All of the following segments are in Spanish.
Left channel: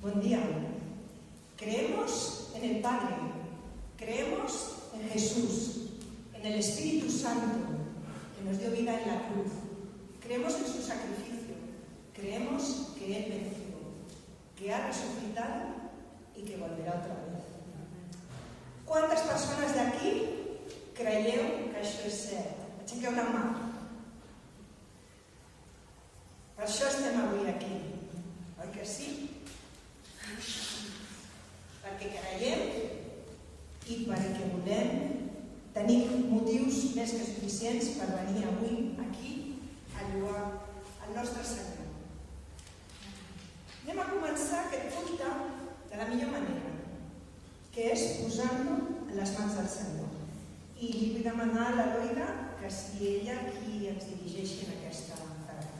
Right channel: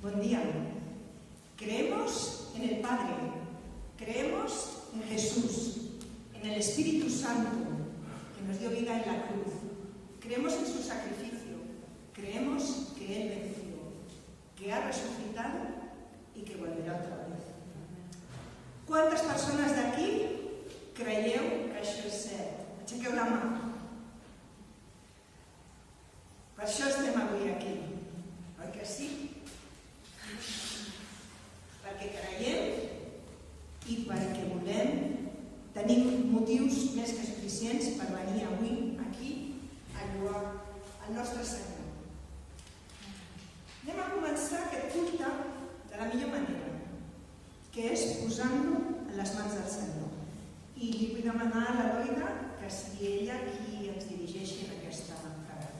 Buen día. Creemos en el Padre, creemos en Jesús, en el Espíritu Santo, que nos dio vida en la cruz. Creemos en su sacrificio, creemos que Él venció, que ha resucitado y que volverá otra vez. Quantes persones d'aquí creieu que això és cert? Aixequeu la mà. Per això estem avui aquí, oi que sí? Perquè creiem i perquè volem tenir motius més que suficients per venir avui aquí a lloar el nostre Senyor. Anem a començar aquest culte de la millor manera, que és posant-lo en les mans del Senyor. I li vull demanar a la Loida que sigui ella qui ens dirigeixi en aquesta tarda.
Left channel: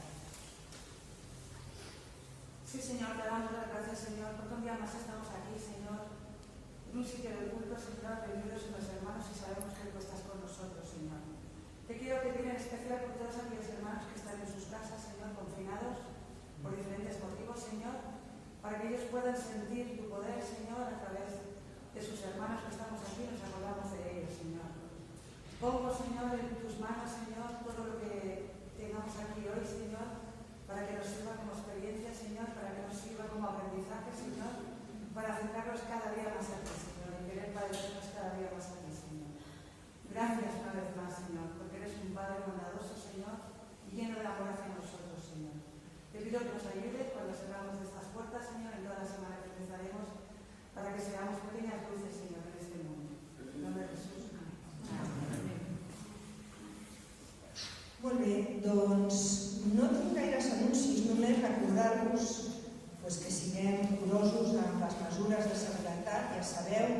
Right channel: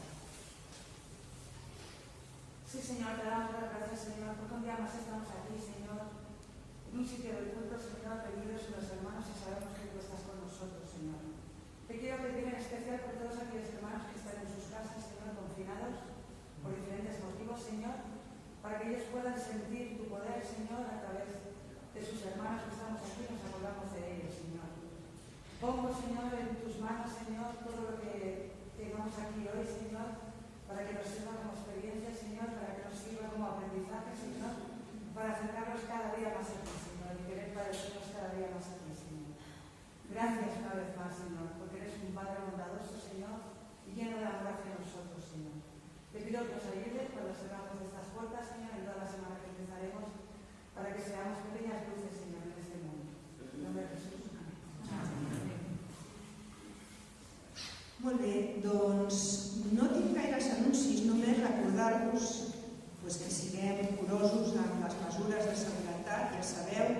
Sí, Señor, te damos las gracias, Señor, porque un día más estamos aquí, Señor, en un sitio de culto, Señor, reunidos los hermanos y sabemos que tú estás con nosotros, Señor. Te quiero pedir en especial por todos aquellos hermanos que están en sus casas, Señor, confinados por diferentes motivos, Señor, para que ellos puedan sentir tu poder, Señor, a través de sus hermanos que estamos aquí, nos acordamos de ellos, Señor. Pongo, Señor, en tus manos, Señor, todo lo que tengamos aquí hoy, Señor, para que nos sirva como experiencia, Señor, para que nos sirva como aprendizaje, Señor, para acercarnos cada día más a ti, Señor, y querer parecernos cada día más a ti, Señor. Gracias una vez más, Señor, porque eres un Padre bondadoso, Señor, y lleno de amor hacia nosotros, Señor. Te pido que nos ayudes cuando cerramos estas puertas, Señor, en toda la semana que empezaremos, para que seamos pequeñas luces, Señor, en este mundo. En nombre de Jesús. Amén. Molt bé, doncs no tinc gaires anuncis, només recordar-vos que siguem curosos amb les mesures de seguretat. Ja sabeu,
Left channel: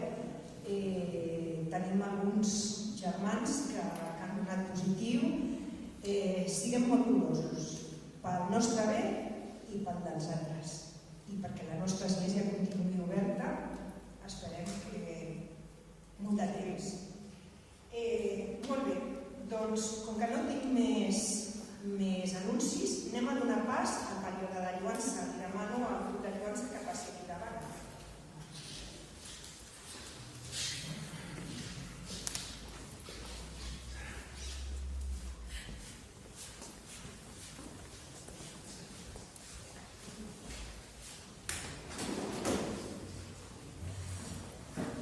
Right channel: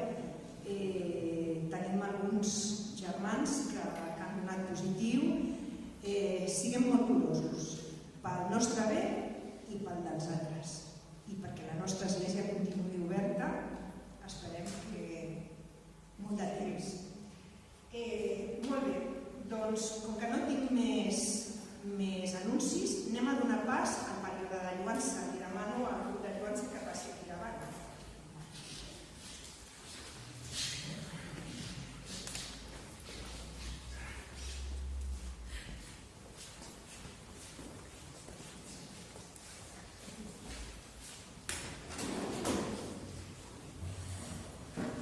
tenim alguns germans que han donat positiu. Siguem molt curosos pel nostre bé i pel dels altres. I perquè la nostra església continuï oberta, esperem que molt de temps. Molt bé, doncs com que no tinc més anuncis, anem a donar pas al període de lloança. Li demano al grup de lloança que passi aquí davant.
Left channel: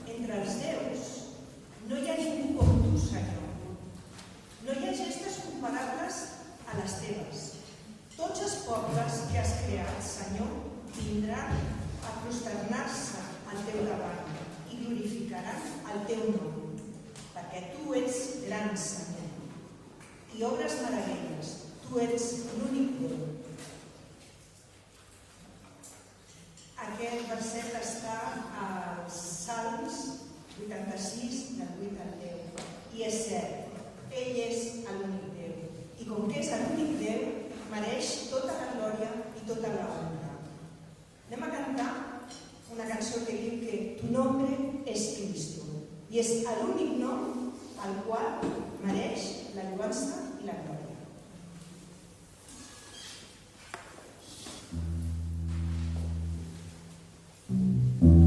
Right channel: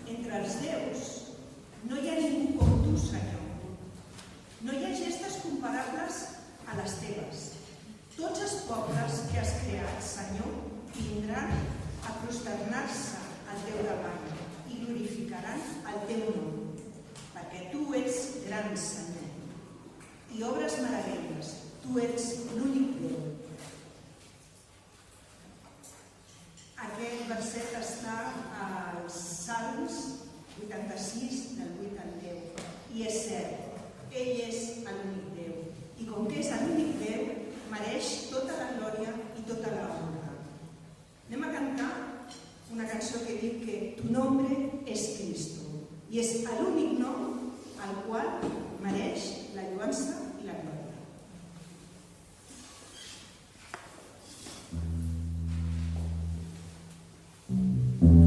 Entre els déus no hi ha ningú com tu, Senyor. No hi ha gestes comparables a les teves. Tots els pobles que has creat, Senyor, vindran a prosternar-se al teu davant i glorificaran el teu nom, perquè tu ets gran, Senyor, i obres meravelles. Tu ets l'únic Déu. Aquest verset està als Salms 86, del 8 al 10. I és cert, ell és l'únic Déu. I com que és l'únic Déu, mereix tota la glòria i tota la honra. Anem a cantar una cançó que diu que tu nombre és Cristo. I és l'únic nom al qual mereix la lloança i la glòria. Thank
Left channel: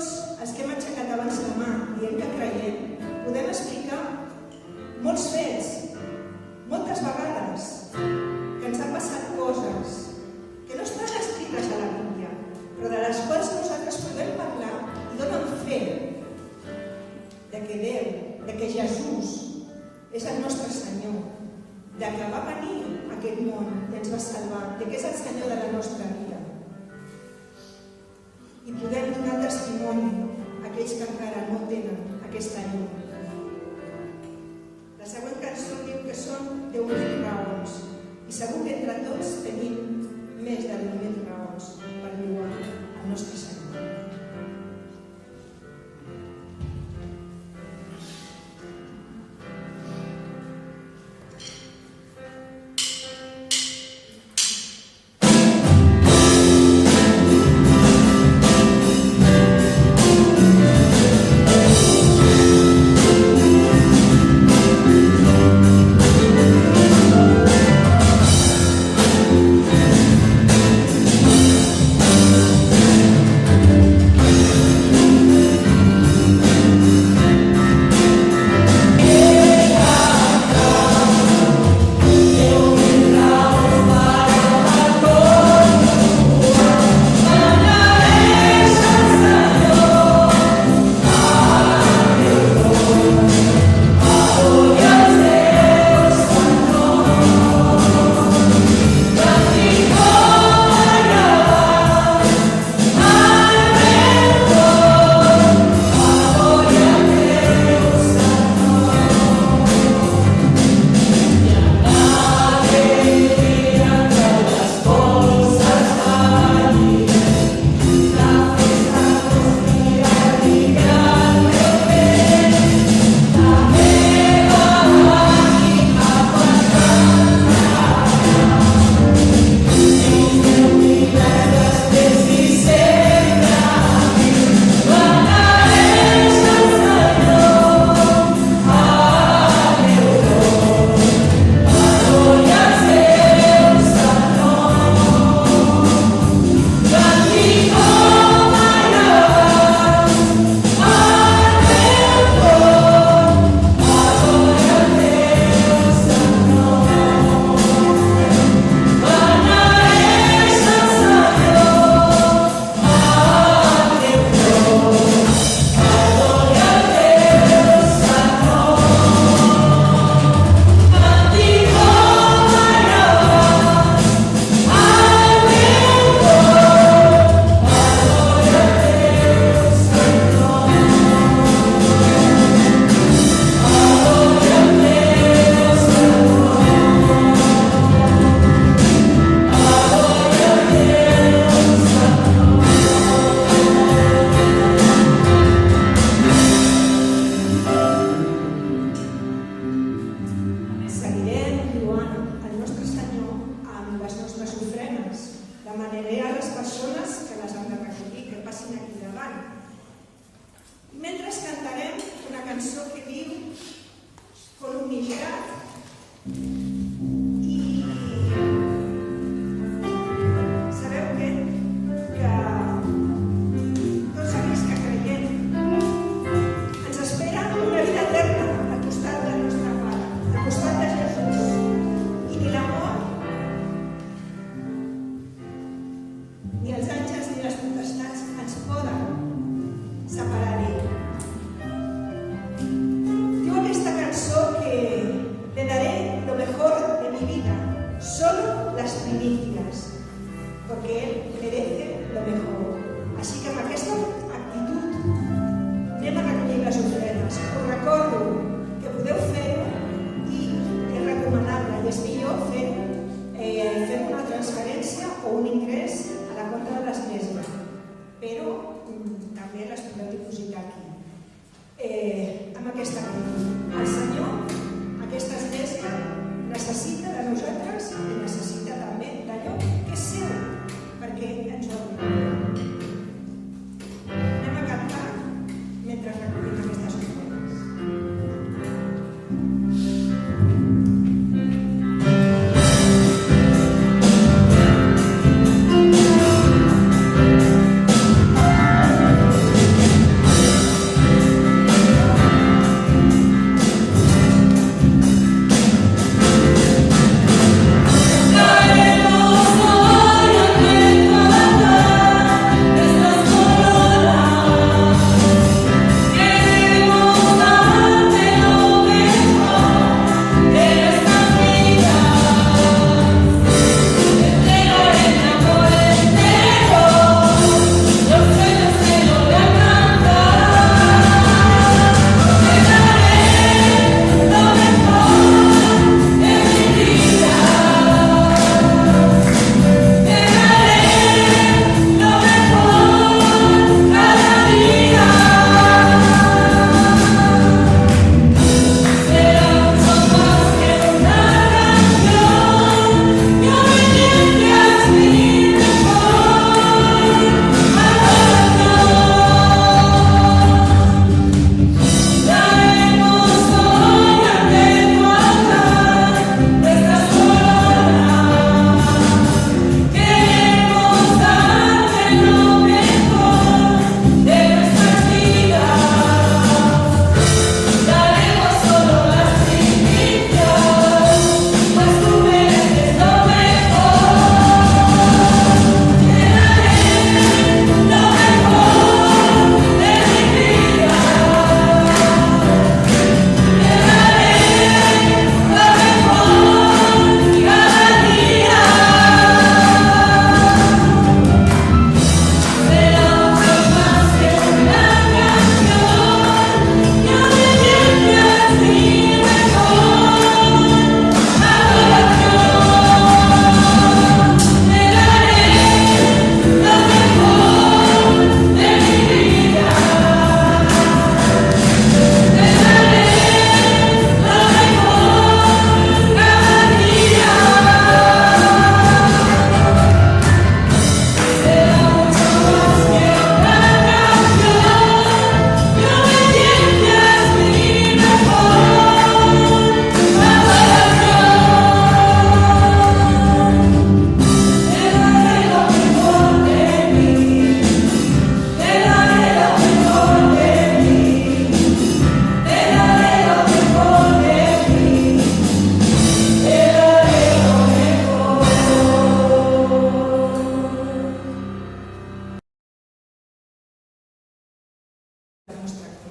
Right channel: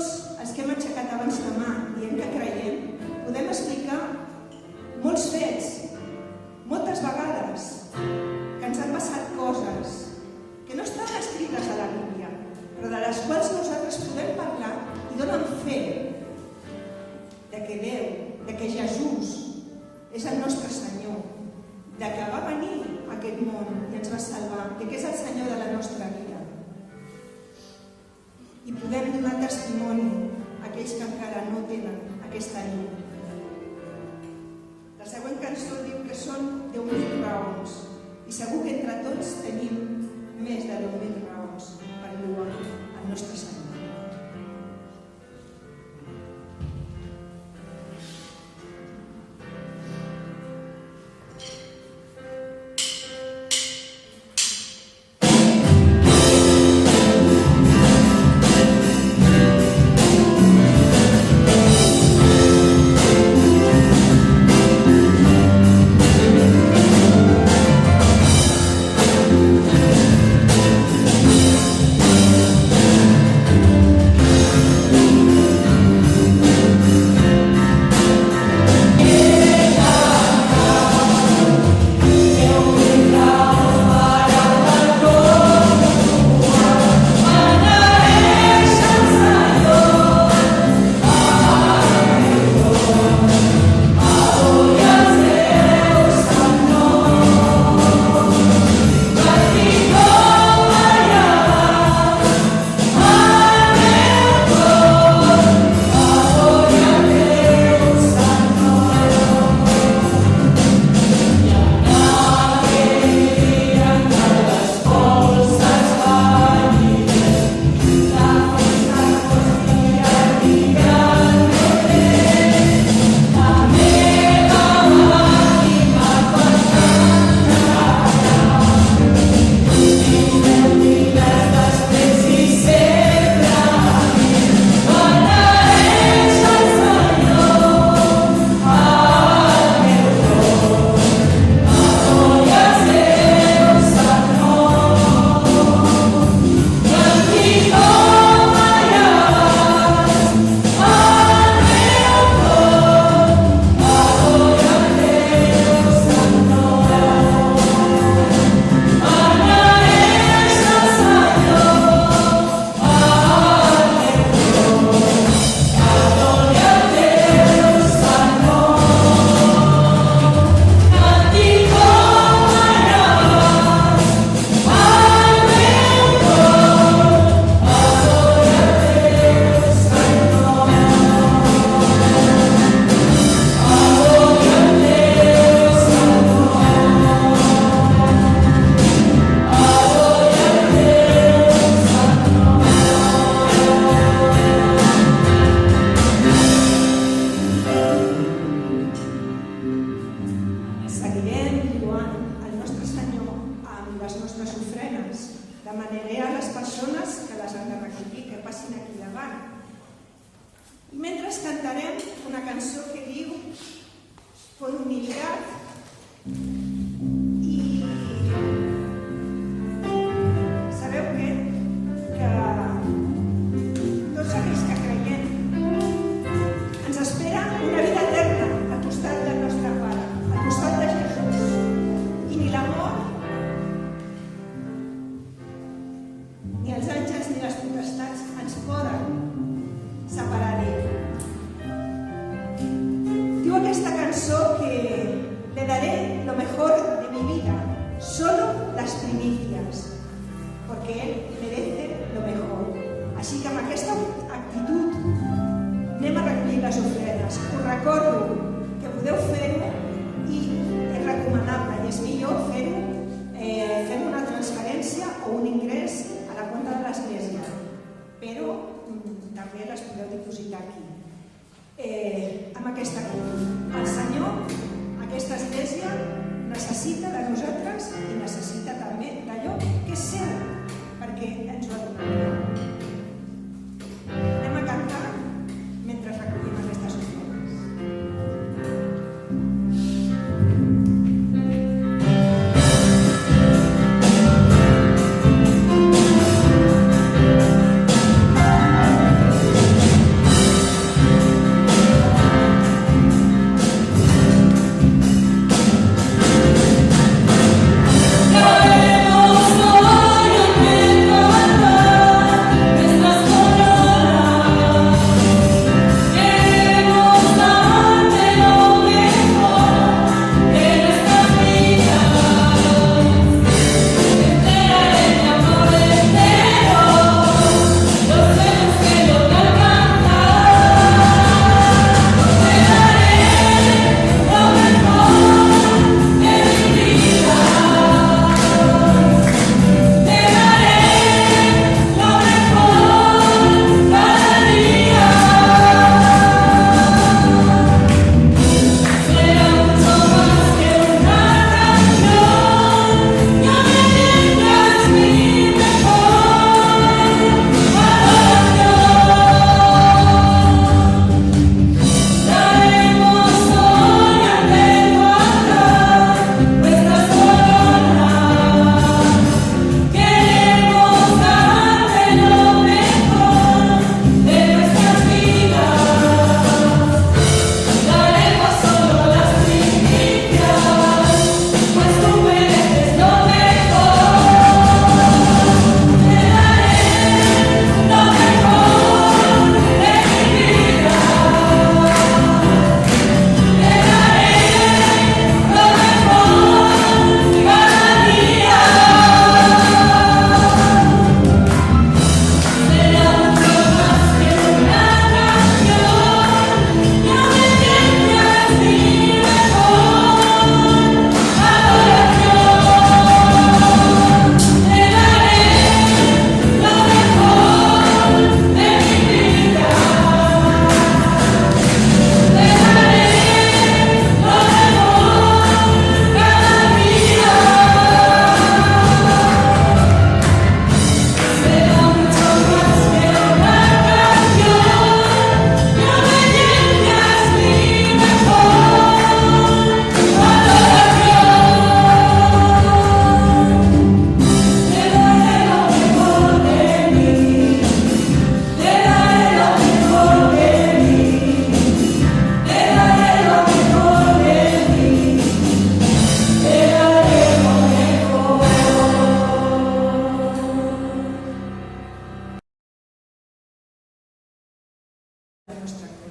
tots els que hem aixecat abans la mà dient que creiem, podem explicar molts fets, moltes vegades, que ens han passat coses que no estan escrites a la Bíblia, però de les quals nosaltres podem parlar i donen fe de que Déu, de que Jesús és el nostre Senyor, de que va venir a aquest món i ens va salvar, de que és el Senyor de la nostra vida. I podem donar testimoni a aquells que encara no tenen aquesta llum. La següent cançó diu que són 10.000 raons, i segur que entre tots tenim més de 10.000 raons per lloar el nostre Senyor.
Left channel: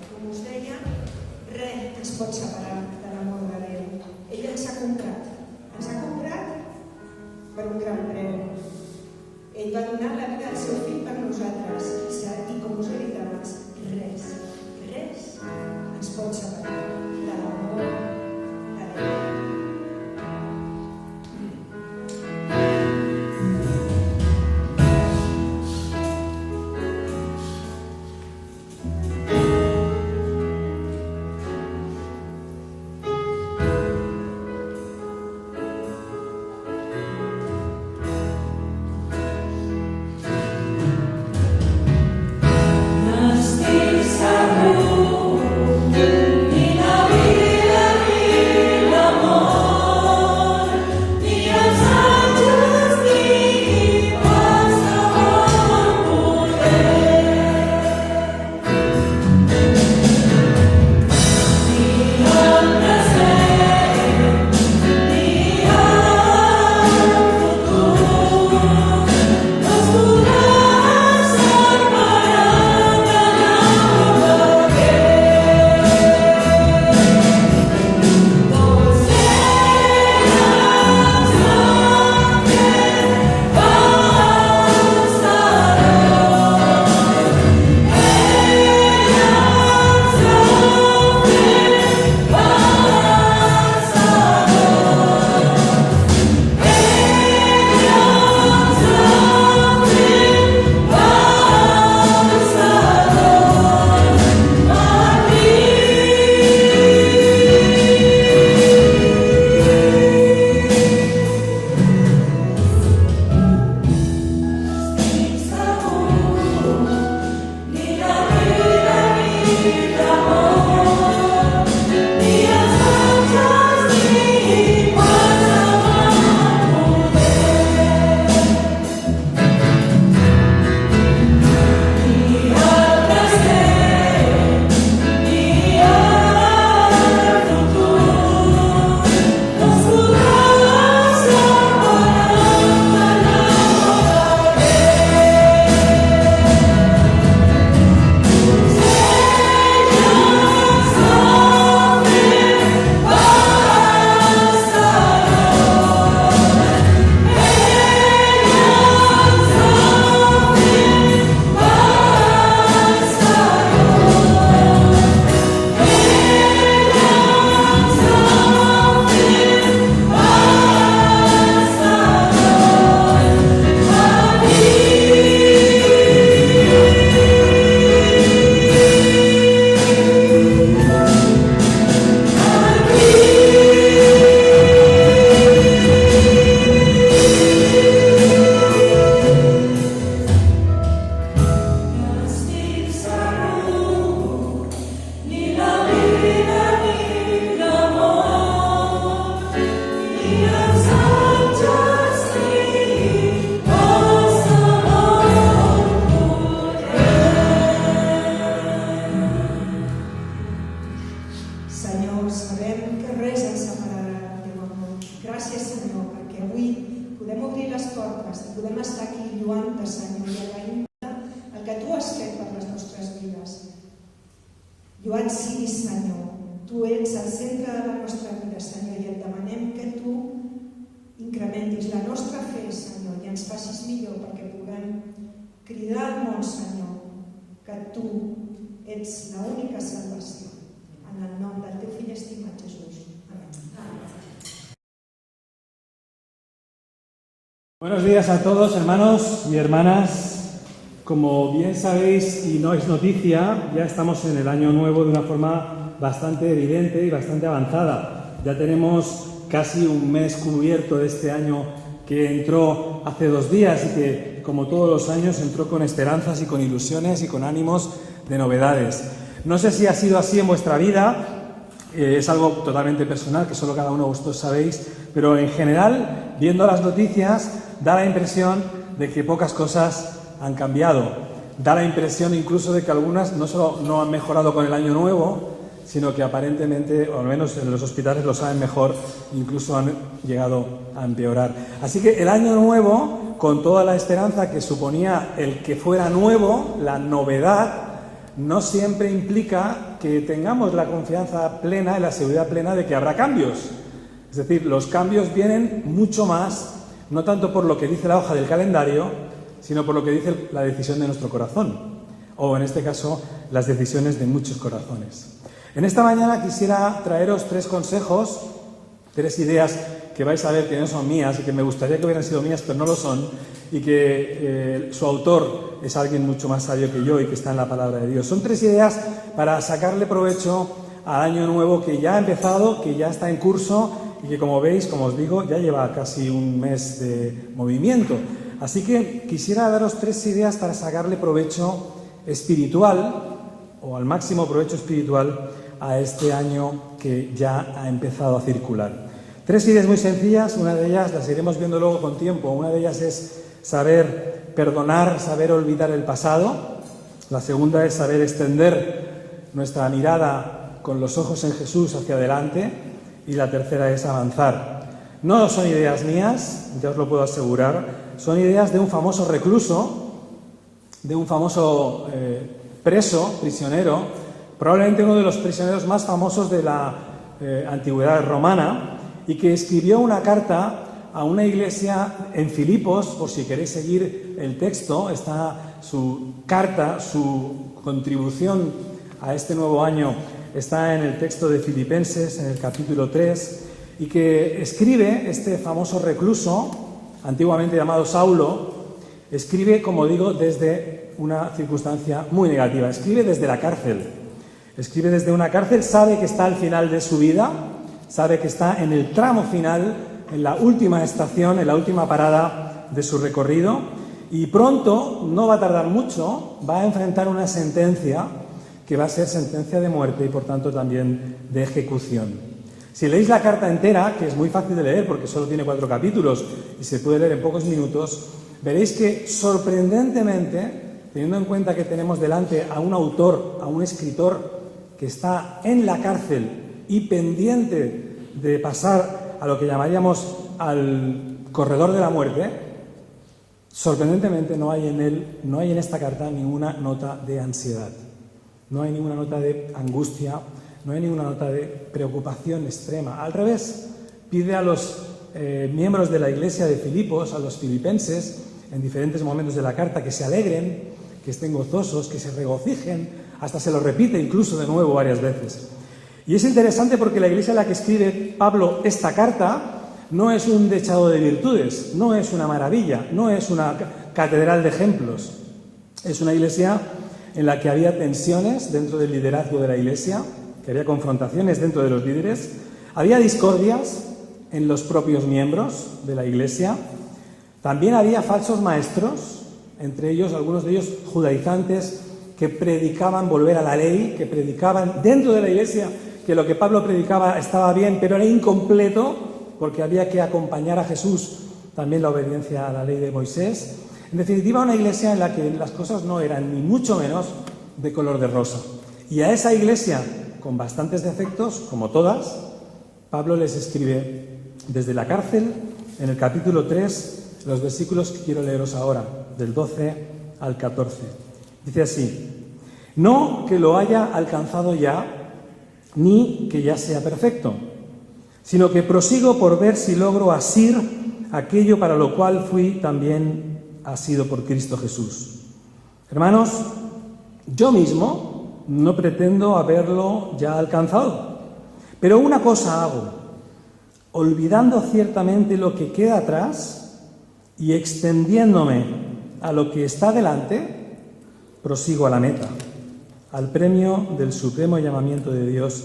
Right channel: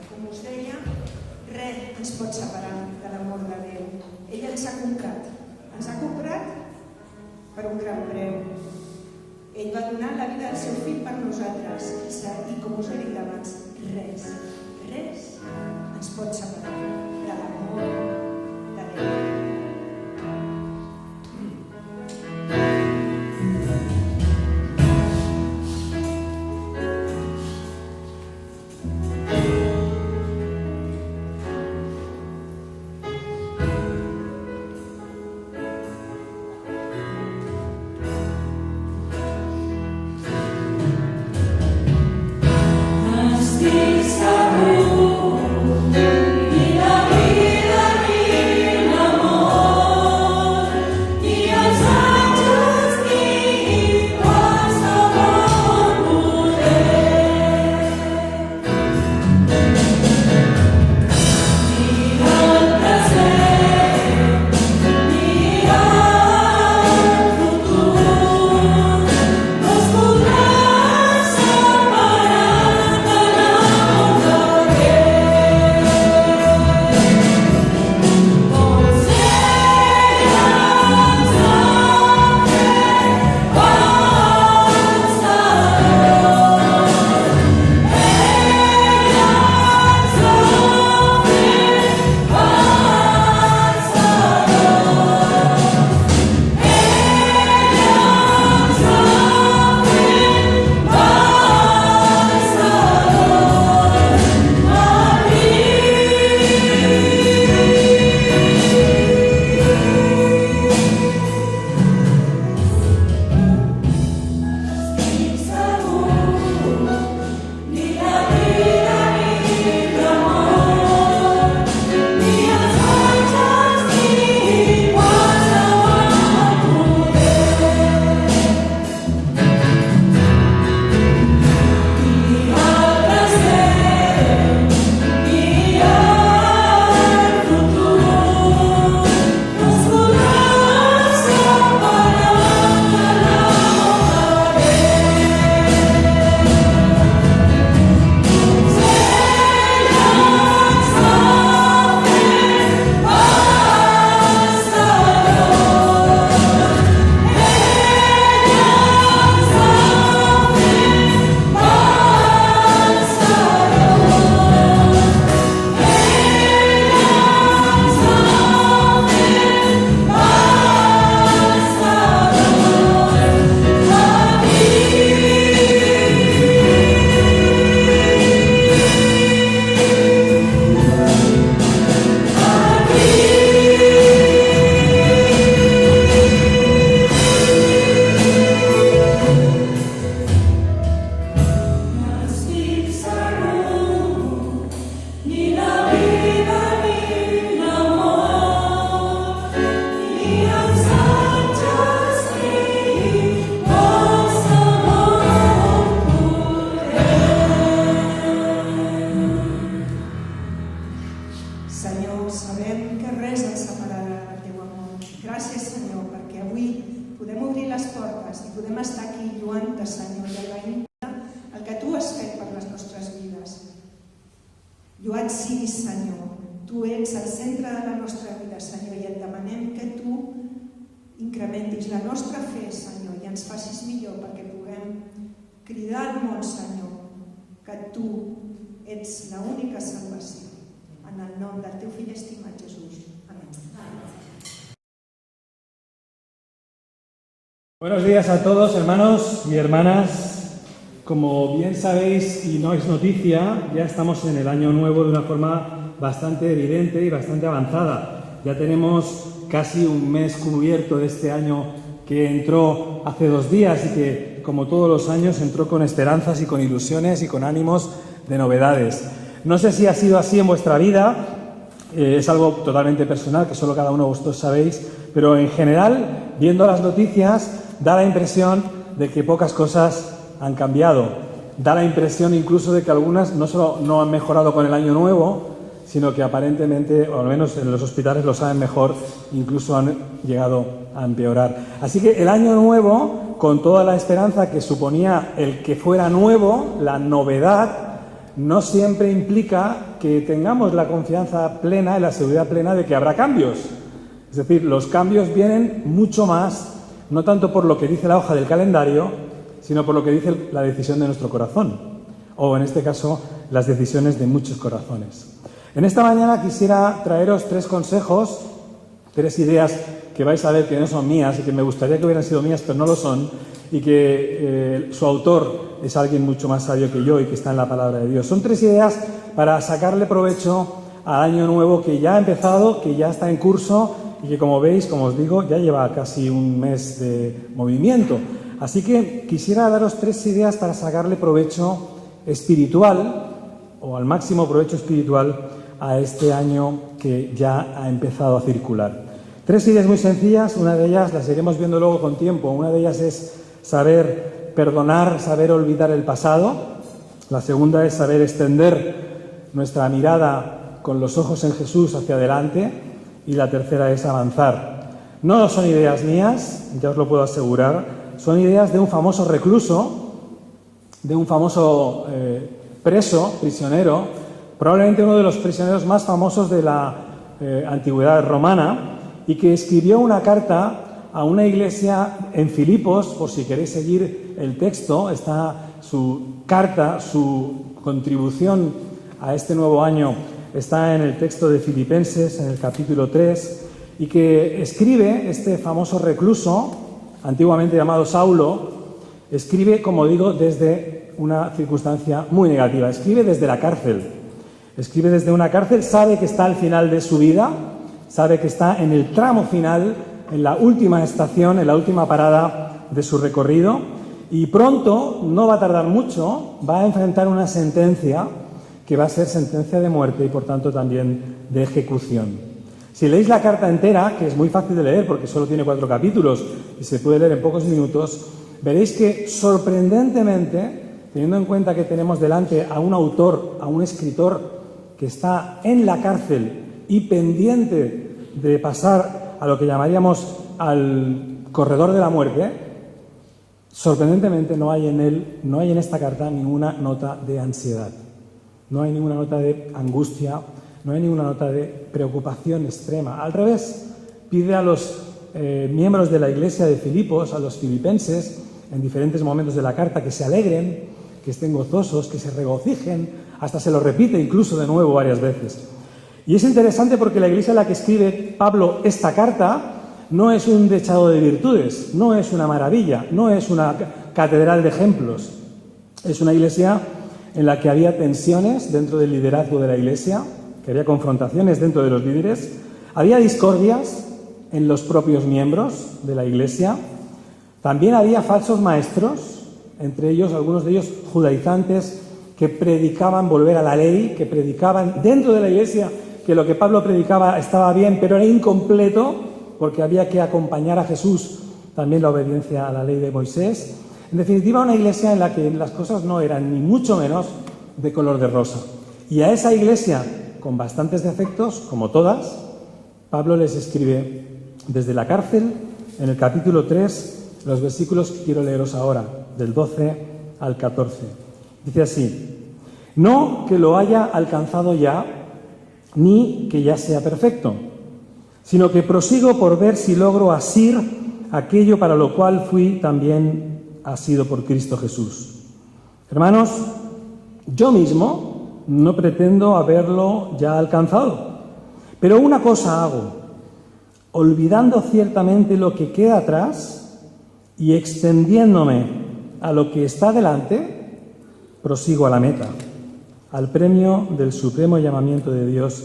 Com us deia, res ens pot separar de l'amor de Déu. Ell ens ha comprat per un gran preu. Ell va donar la vida del seu fill per nosaltres i com us he dit abans, res ens pot separar de l'amor de Déu. Lloat siguis, Senyor. Tu ets el centre de la nostra vida, Senyor, i et demanem que tu incrementis la nostra fe, Senyor, i ens facis millor perquè puguem cridar al món, Senyor, que tu ets l'única salvació. En el nom del teu fill estimat Jesús. Amén. Buenos días a todos, hermanos y hermanas. Como bien sabéis y no es noticia, ya estamos en el año nuevo de una forma bastante evidente y bastante avanzada. Ya tenemos casi un mes cubierto de este año que entró hace 2 días y que, como todos los años, entró con esperanzas y con ilusiones y con ánimos de novedades. No sé si ha sido así en vuestra vida, es algo totalmente personal que solo cada uno de vosotros sabéis, pero en general, viendo las noticias, da la impresión de que pocas cosas han cambiado. Da la impresión incluso de que algunas no solo no han mejorado con el año nuevo, sino que aparentemente, o al menos en los hospitales lo saben mejor, incluso han llegado a empeorar. Así que el año nuevo, con toda la esperanza que suponía el que fuera nuevo, la novedad, no siempre implica que tengamos la confianza plena y la seguridad plena de que habrá cambios. Es decir, los cambios vienen mucho más, no tanto por lo que dice la hoja del calendario, sino por lo que dice la decisión de nuestro corazón, o en este caso, las decisiones de muchos corazones. En esta mañana quisiera traeros 3 consejos, 3 ideas que vais a ver que no son mías y que me gustaría que hubieran sido mías, pero no lo son, y que su autor es alguien mucho más sabio que yo y que está en la palabra de Dios. Son 3 ideas para sacarle provecho al año nuevo que ya ha empezado, que ya está en curso y que, como veis, como os digo, ya lleva casi un mes de movimiento. Así que quisiera daros 3 ideas para sacarle provecho espiritual, o al máximo provecho espiritual, a este año que ya ha empezado a circular. 3 ideas muy sencillas, una de ellas las iremos viendo luego con tiempo. Una de ellas es saber perdonar, saber olvidar el pasado. La segunda es saber extender nuestra mirada con los ojos en Jesús hacia adelante. Y la tercera es avanzar. No son ideas mías, ya os lo puedo asegurar, son ideas de un famoso recluso, de un famoso prisionero, probablemente uno de los prisioneros más famosos de la antigüedad romana, y que escribió una carta a una iglesia en Filipos. Por si queréis seguir el texto, está su carta, su contribución a este nuevo año, está en el texto de Filipenses, en el capítulo 3, y que escribe este famoso recluso, antiguamente llamado Saulo, escribe, como digo, desde una circunstancia muy negativa, escribe desde la cárcel, escribe desde una cárcel, sabe que está al final de su vida, sabe que está en el tramo final, en la última estación, en la última parada de su recorrido, y pronto, no va a tardar mucho, va a enfrentar una sentencia que va a ser sentencia de muerte y por tanto también de ejecución. Si leéis la carta entera, que es muy fácil de leer porque solo tiene 4 capítulos y se puede leer en pocos minutos, veréis que sorprendentemente, teniendo en cuenta que tenemos delante a un autor, a un escritor que está en la cárcel y pendiente de pasar a lo que llamaríamos al corredor de la muerte, sorprendentemente no hay en esta carta ninguna nota de ansiedad. No hay ninguna nota de angustia, no hay ninguna nota de preocupación extrema. Al revés, pide a los miembros de la iglesia de Filipos, a los filipenses, en diferentes momentos de la carta, que se alegren, que estén gozosos, que se regocijen, hasta se lo repite incluso de nuevo varias veces. Y es interesante porque la iglesia a la que escribe Pablo esta carta no es un dechado de virtudes, no es una maravilla, no es una catedral de ejemplos. Es una iglesia en la que había tensiones dentro del liderazgo de la iglesia, que había confrontaciones dentro de los líderes, había discordias en los propios miembros de la iglesia, también había falsos maestros, entre ellos, algunos de ellos judaizantes, que predicaban volver a la ley, que predicaban dentro de la iglesia que lo que Pablo predicaba estaba bien, pero era incompleto, porque había que acompañar a Jesús también la obediencia a la ley de Moisés. En definitiva, una iglesia en la que las cosas no eran ni mucho menos de color de rosa. Y a esa iglesia, con bastantes defectos, como todas, Pablo les escribe desde la cárcel, en el capítulo 3, los versículos que quiero leeros ahora, del 12 al 14. Dice así: no que lo haya alcanzado ya, ni que ya sea perfecto, sino que prosigo por ver si logro asir aquello para lo cual fui también asido por Cristo Jesús. Hermanos, yo mismo no pretendo haberlo ya alcanzado, pero una cosa hago, olvidando ciertamente lo que queda atrás y extendiéndome a lo que está delante, prosigo a la meta, al premio del supremo llamamiento de Dios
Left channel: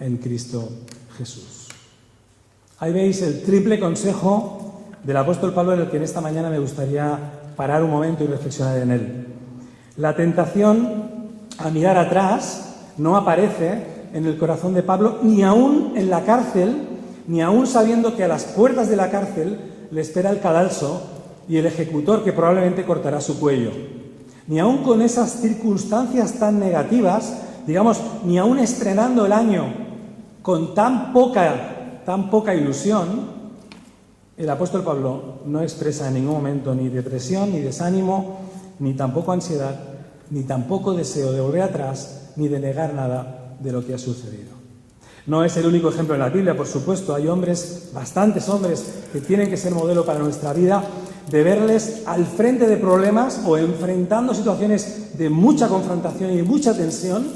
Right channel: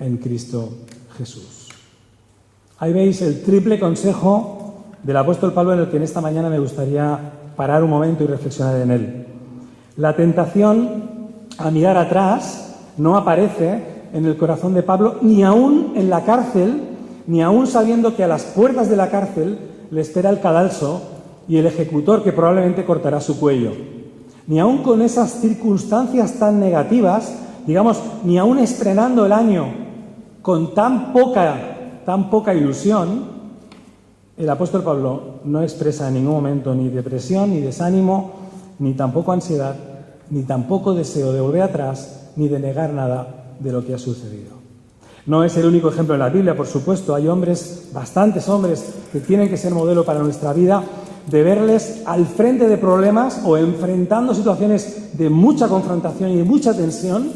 en Cristo Jesús. Ahí veis el triple consejo del apóstol Pablo, en el que en esta mañana me gustaría parar un momento y reflexionar en él. La tentación a mirar atrás no aparece en el corazón de Pablo, ni aún en la cárcel, ni aún sabiendo que a las puertas de la cárcel le espera el cadalso y el ejecutor que probablemente cortará su cuello. Ni aún con esas circunstancias tan negativas, digamos, ni aún estrenando el año con tan poca ilusión, el apóstol Pablo no expresa en ningún momento ni depresión, ni desánimo, ni tampoco ansiedad, ni tampoco deseo de volver atrás ni de negar nada de lo que ha sucedido. No es el único ejemplo en la Biblia, por supuesto. Hay hombres, bastantes hombres, que tienen que ser modelo para nuestra vida, de verles al frente de problemas o enfrentando situaciones de mucha confrontación y de mucha tensión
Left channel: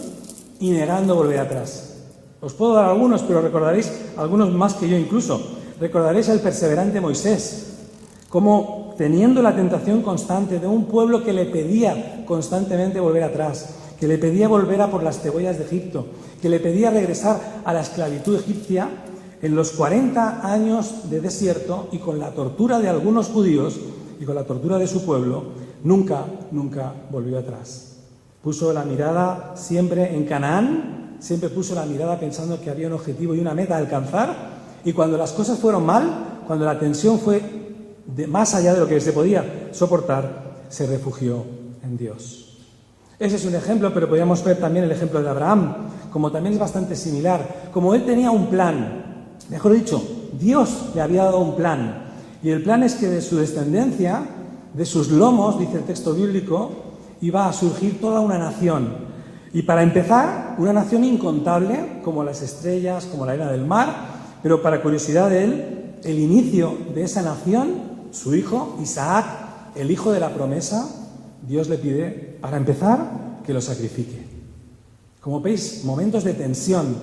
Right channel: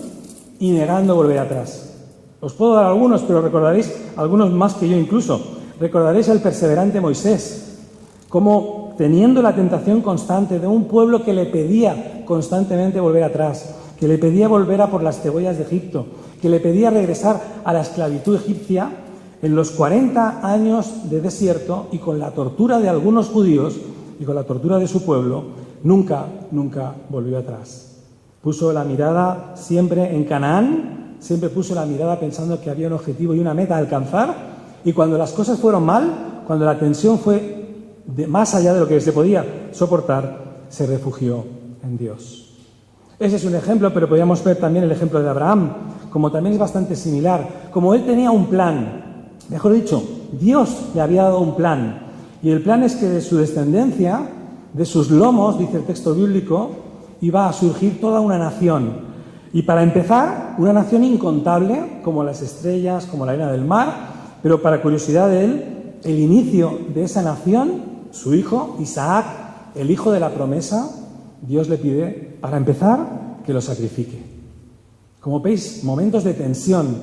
y negando volver atrás. Os puedo dar algunos, pero recordaréis algunos más que yo incluso. Recordaréis al perseverante Moisés, como teniendo la tentación constante de un pueblo que le pedía constantemente volver atrás, que le pedía volver a por las cebollas de Egipto, que le pedía regresar a la esclavitud egipcia, en los 40 años de desierto y con la tortura de algunos judíos y con la tortura de su pueblo, nunca volvió atrás. Puso la mirada siempre en Canaán, siempre puso la mirada pensando que había un objetivo y una meta a alcanzar, y cuando las cosas fueron mal, cuando la tensión fue más allá de lo que se podía soportar, se refugió en Dios. Ese es un ejemplo, pero podríamos ver también el ejemplo de Abraham, como también es bastante similar. Como él tenía un plan, mejor dicho, Dios le había dado un plan, y el plan es que de su descendencia, de sus lomos, dice el texto bíblico, iba a surgir toda una nación. Y para empezar, una nación incontable, como las estrellas, como la arena del mar, pero para curiosidad de él, el inicio de esa nación, su hijo, Isaac, el hijo de la promesa, Dios le pide, para empezar, que lo sacrifique. Como veis, momentos de tensión,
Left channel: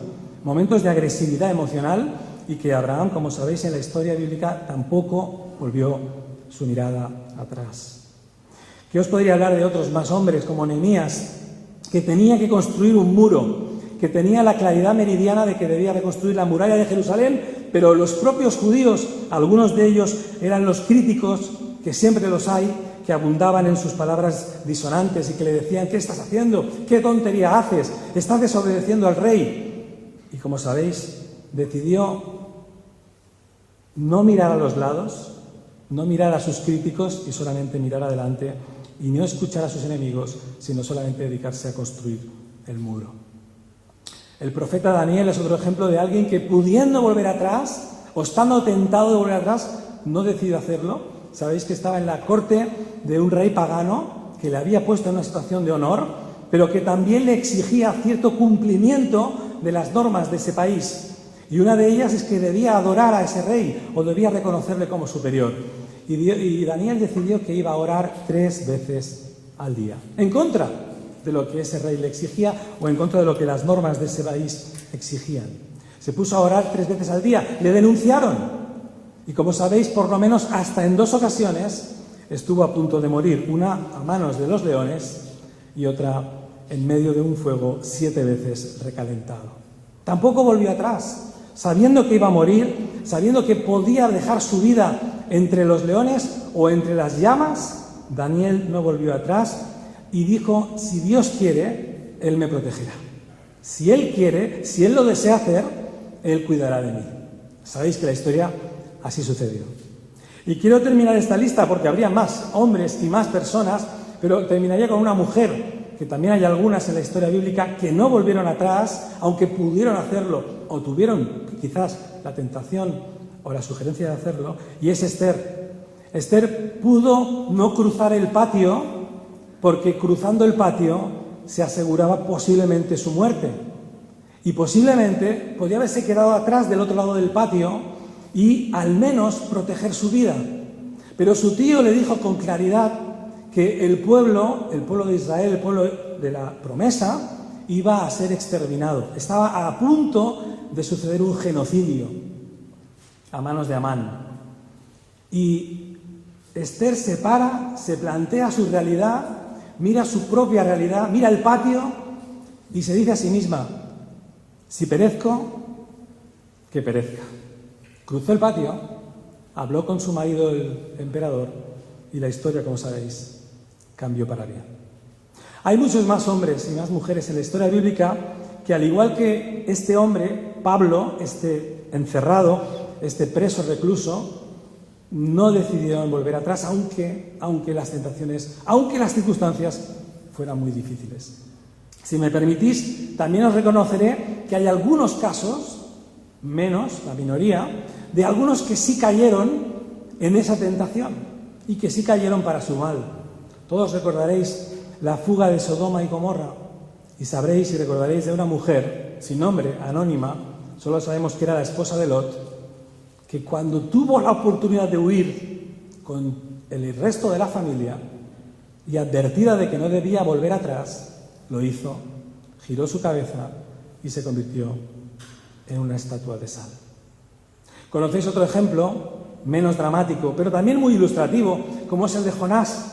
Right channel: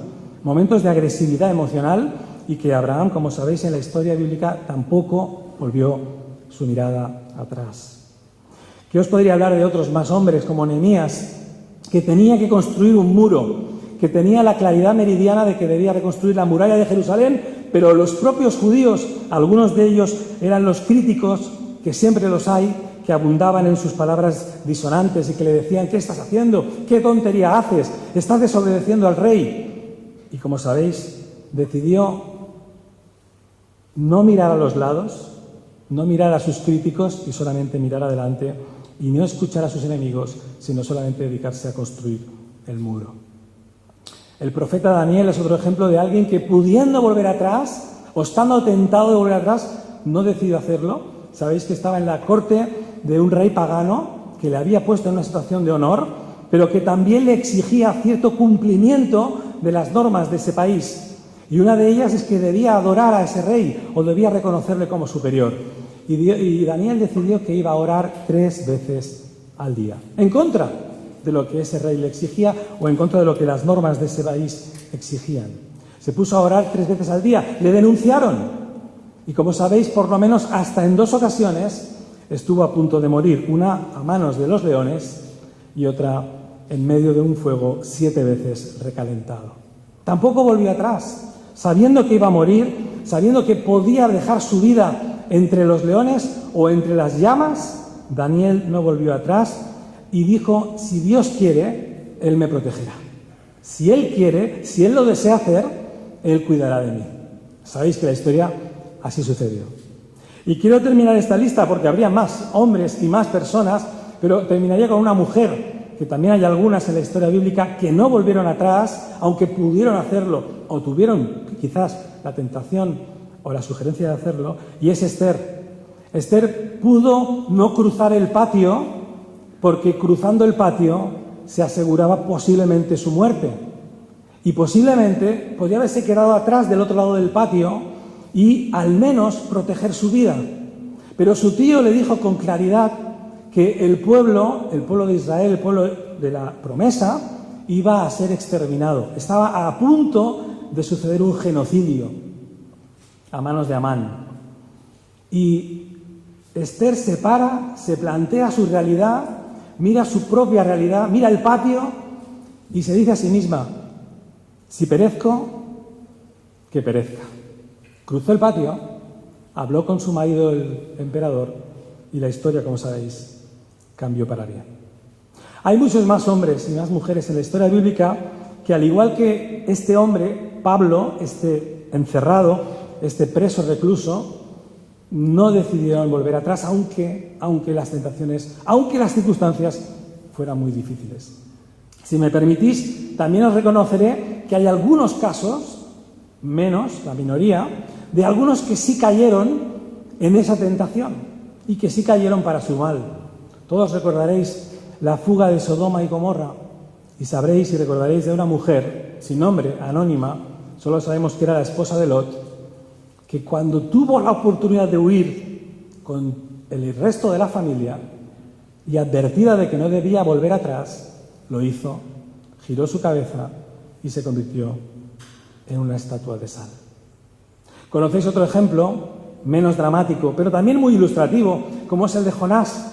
momentos de agresividad emocional, y que Abraham, como sabéis en la historia bíblica, tampoco volvió su mirada atrás. ¿Qué os podría hablar de otros más hombres, como Nehemías, que tenía que construir un muro, que tenía la claridad meridiana de que debía reconstruir la muralla de Jerusalén, pero los propios judíos, algunos de ellos eran los críticos, que siempre los hay, que abundaban en sus palabras disonantes y que le decían: ¿qué estás haciendo? ¿Qué tontería haces? Estás desobedeciendo al rey. Y como sabéis, decidió no mirar a los lados, no mirar a sus críticos y solamente mirar adelante y no escuchar a sus enemigos, sino solamente dedicarse a construir el muro. El profeta Daniel es otro ejemplo de alguien que, pudiendo volver atrás o estando tentado de volver atrás, no decidió hacerlo. Sabéis que estaba en la corte de un rey pagano que le había puesto en una situación de honor, pero que también le exigía cierto cumplimiento de las normas de ese país. Y una de ellas es que debía adorar a ese rey o debía reconocerle como superior. Y Daniel decidió que iba a orar 3 veces al día, en contra de lo que ese rey le exigía o en contra de lo que las normas de ese país exigían. Se puso a orar 3 veces al día. Le denunciaron. Y como sabéis, por lo menos hasta en 2 ocasiones estuvo a punto de morir, una a manos de los leones y otra en medio de un fuego 7 veces recalentado. Tampoco volvió atrás, sabiendo que iba a morir, sabiendo que podía dejar su vida entre los leones o entre las llamas. Daniel no volvió atrás y dijo: si Dios quiere, Él me protegerá. Si Él quiere, si Él lo desea hacer, Él cuidará de mí. Sabéis que la historia así sucedió. Y quiero terminar esta lista porque habría más hombres y más personas, pero terminaría con una mujer, que también hay algunas en la historia bíblica que no volvieron atrás, aunque pudieron hacerlo o tuvieron quizás la tentación o la sugerencia de hacerlo, y es Esther. Esther pudo no cruzar el patio porque cruzando el patio se aseguraba posiblemente su muerte. Y posiblemente podía haberse quedado atrás del otro lado del patio y al menos proteger su vida. Pero su tío le dijo con claridad que el pueblo de Israel, el pueblo de la promesa, iba a ser exterminado. Estaba a punto de suceder un genocidio a manos de Amán. Y Esther se para, se plantea su realidad, mira su propia realidad, mira el patio y se dice a sí misma: si perezco, que perezca. Cruzó el patio, habló con su marido, el emperador, y la historia, como sabéis, cambió para bien. Hay muchos más hombres y más mujeres en la historia bíblica que, al igual que este hombre, Pablo, este encerrado, este preso recluso, no decidieron volver atrás, aunque las tentaciones, aunque las circunstancias fueran muy difíciles. Si me permitís, también os reconoceré que hay algunos casos, menos, la minoría, de algunos que sí cayeron en esa tentación y que sí cayeron para su mal. Todos recordaréis la fuga de Sodoma y Gomorra. Y sabréis y recordaréis de una mujer sin nombre, anónima, solo sabemos que era la esposa de Lot, que cuando tuvo la oportunidad de huir con el resto de la familia y advertida de que no debía volver atrás, lo hizo, giró su cabeza y se convirtió en una estatua de sal. ¿Conocéis otro ejemplo, menos dramático, pero también muy ilustrativo, como es el de Jonás,